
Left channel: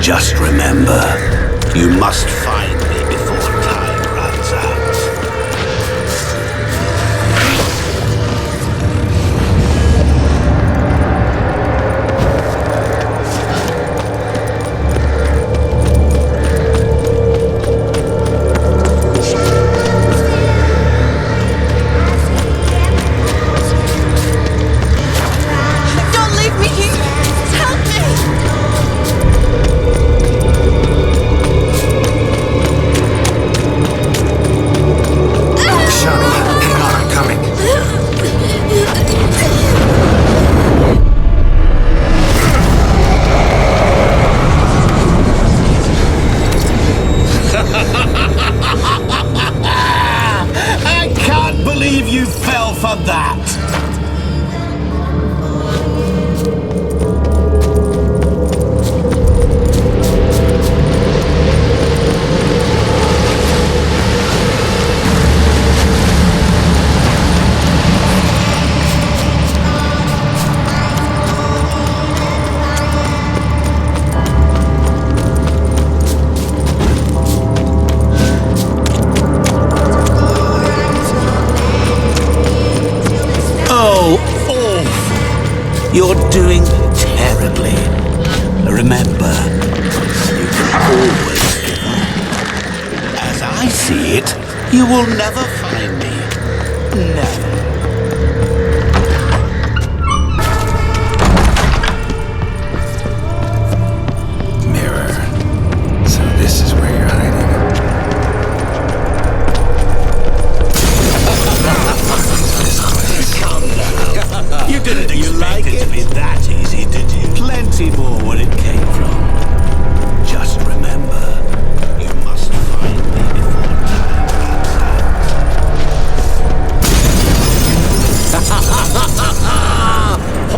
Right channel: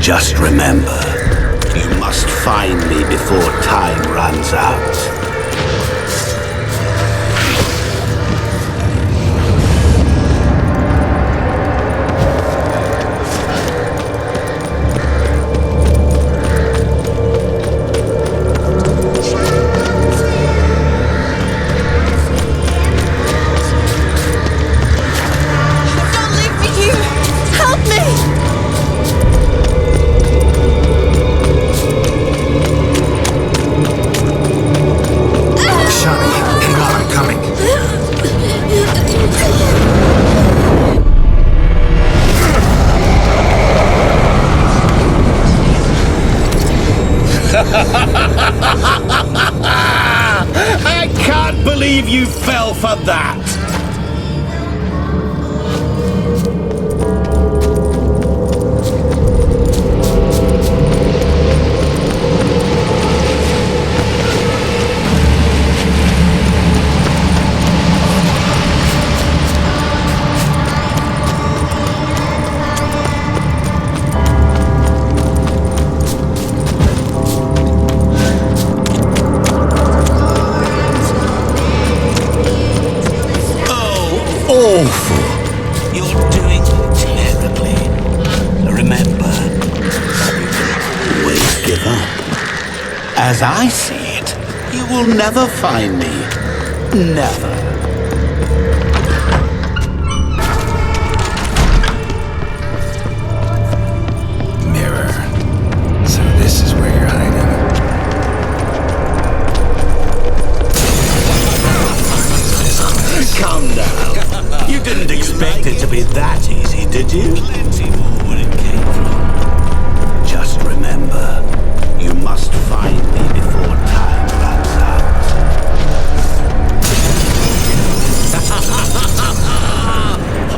Just remember, you must find me before time runs out. Don't leave me here! Help me! Shani, hang on, I'm coming. I can't believe you fell for that! Oh, awful. You're doing terribly. Remember, you can always give up. As I see it, you will never find me. Never. Mirror. So this is where you're hiding. What is this place? Come now. You didn't expect it to be that easy, did you? Plenty more where it came from. Just remember, you must find me before time runs out.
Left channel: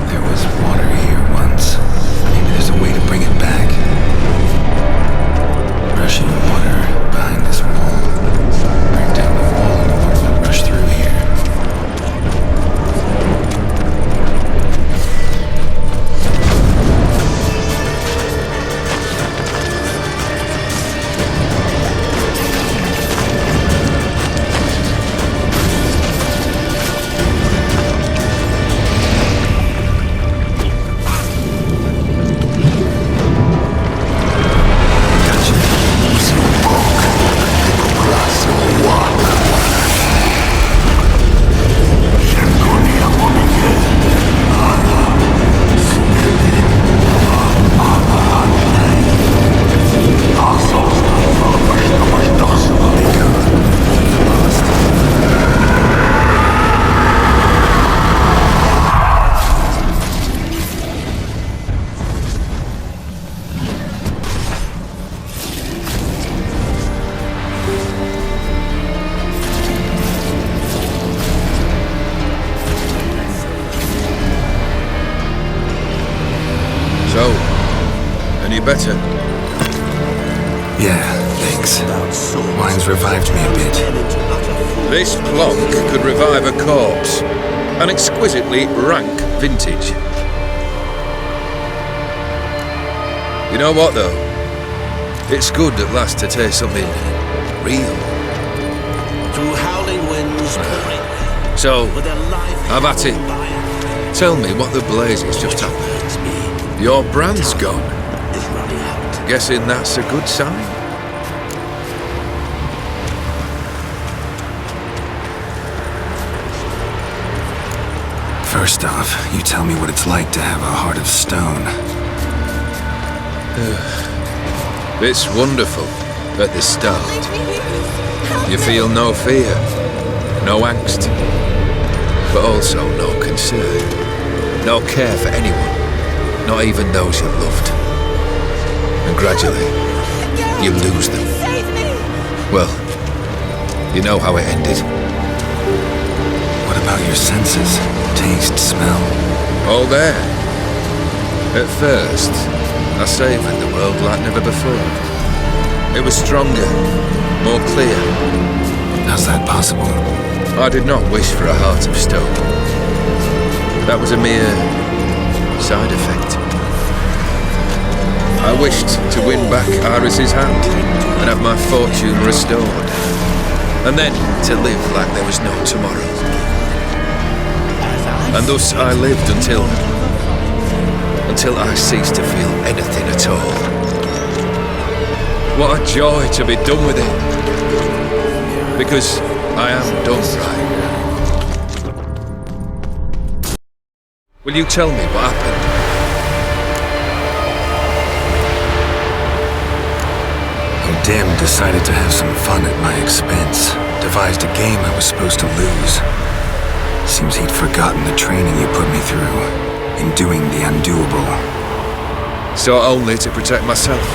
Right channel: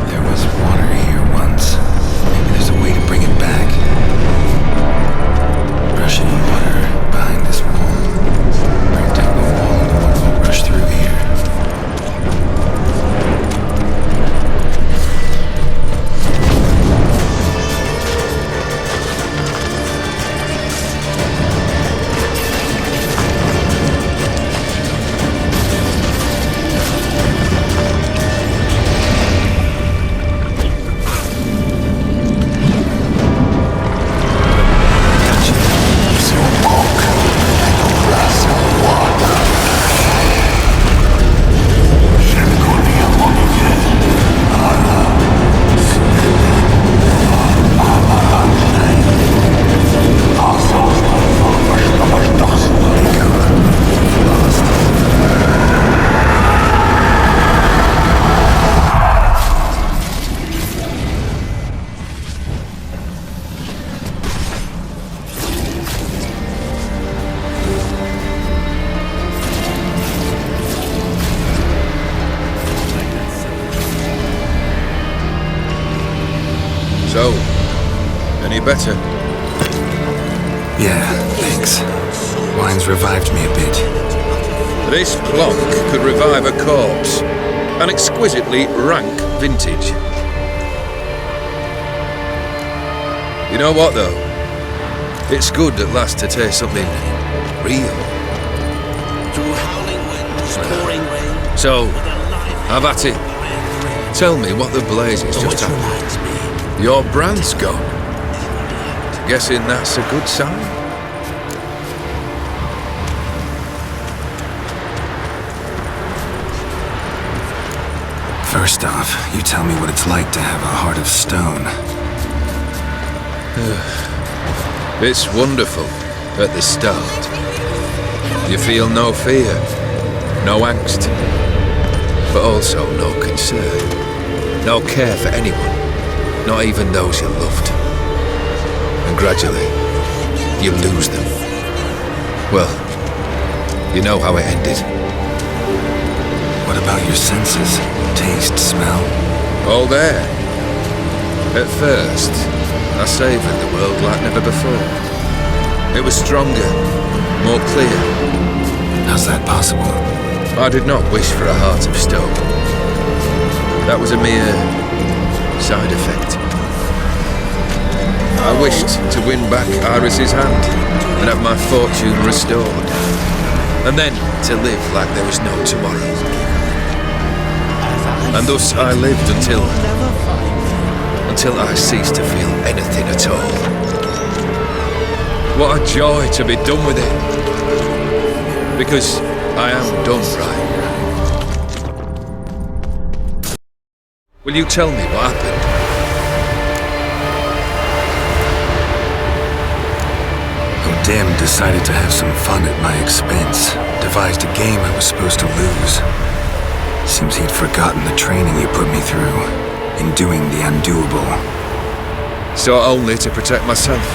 There was water here once. Maybe there's a way to bring it back. Rushing water behind this wall. Break down the wall and the water will rush through here. So, any better? Yeah, thanks. Wine's revived me a bit. This plonk could revive a corpse. An exquisitely rank vintage. You know what, though? It's good at last to taste something real. Through howling winds, pouring rain. So, have at it. Tell me what the blazes just happened. Your brand's gone. Guessing that's a good sign? First off, you tell me what it's like to have a heart of stone. It's wonderful at the start. You feel no fear, no angst, but also no concern, no care for anyone. not even those you loved. And gradually, you lose them. Well, you know how it ended. What about your senses? Taste, smell? All there. At first, I savoured the world like never before. It was stronger, more clear. How's that possible? I did not wish for a heart of stone. That was a mere side effect. I wished to win back Iris's hand and have my fortune restored. And then to live like there was no tomorrow. And thus I lived until I ceased to feel anything at all. What a joy to be done with it. Because I am done, right? Will you tell me what happened? O'Dim decided to have some fun at my expense. Devised a game I was supposed to lose. Seems he'd forgotten the training you put me through in doing the undoable. So only to protect myself.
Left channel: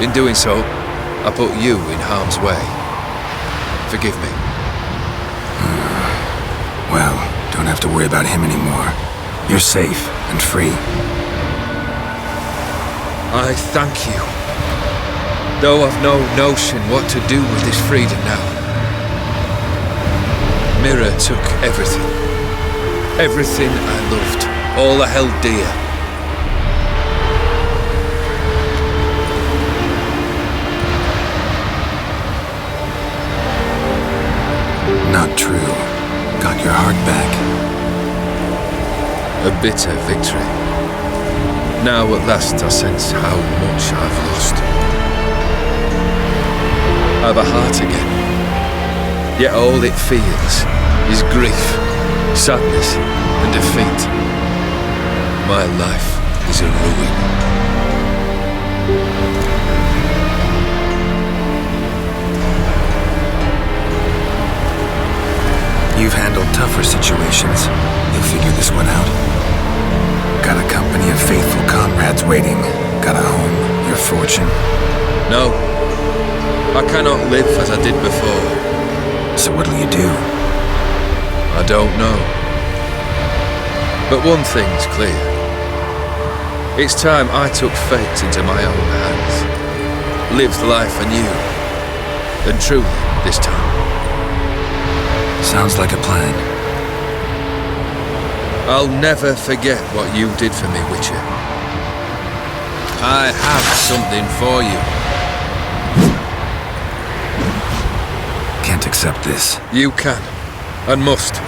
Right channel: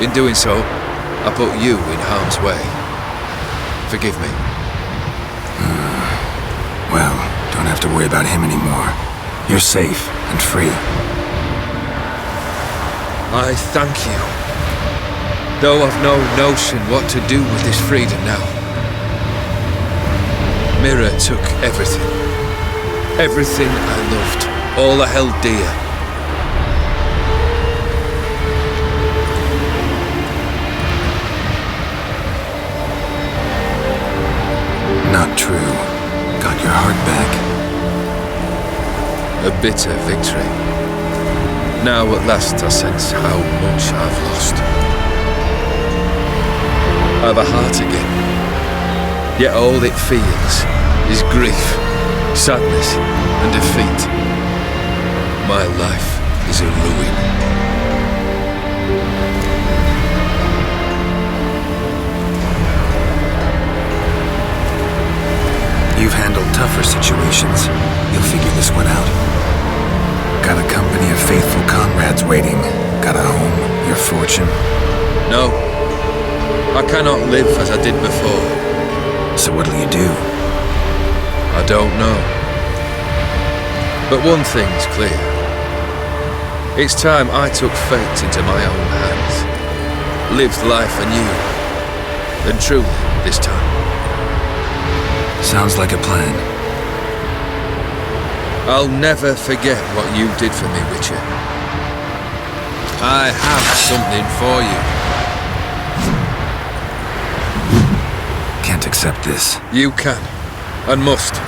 In doing so, I put you in harm's way. Forgive me. Well, don't have to worry about him anymore. You're safe and free. I thank you. Though I've no notion what to do with this freedom now. Mira took everything. Everything I loved. All I held dear. Not true. Got your heart back. A bitter victory. Now at last I sense how much I've lost. I've a heart again. Yet all it feels is grief, sadness, and defeat. My life is a ruin. You've handled tougher situations. You'll figure this one out. Got a company of faithful comrades waiting. Got a home, your fortune. No. I cannot live as I did before. So what'll you do? I don't know. But one thing's clear. It's time I took fate into my own hands. Lived life anew. And truly, this time. Sounds like a plan. I'll never forget what you did for me, Witcher. I have something for you. Can't accept this. You can, and must.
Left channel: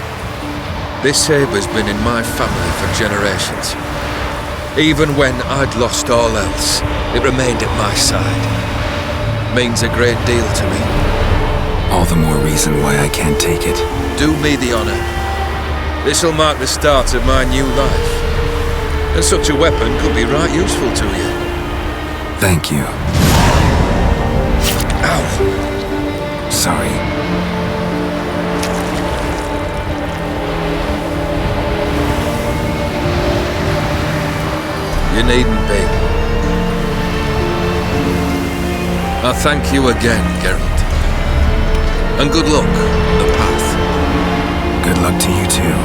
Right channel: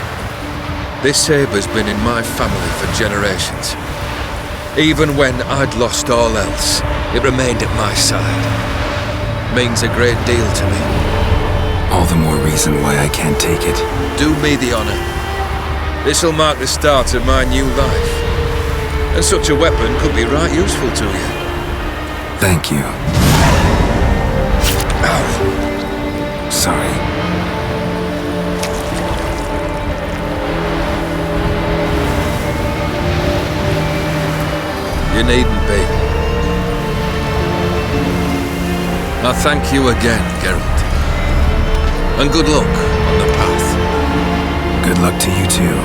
This sabre's been in my family for generations. Even when I'd lost all else, it remained at my side. Means a great deal to me. All the more reason why I can't take it. Do me the honor. This'll mark the start of my new life. And such a weapon could be right useful to you. Thank you. Ow! Sorry. You needn't be. I thank you again, Geralt. And good luck on the path. Good luck to you too.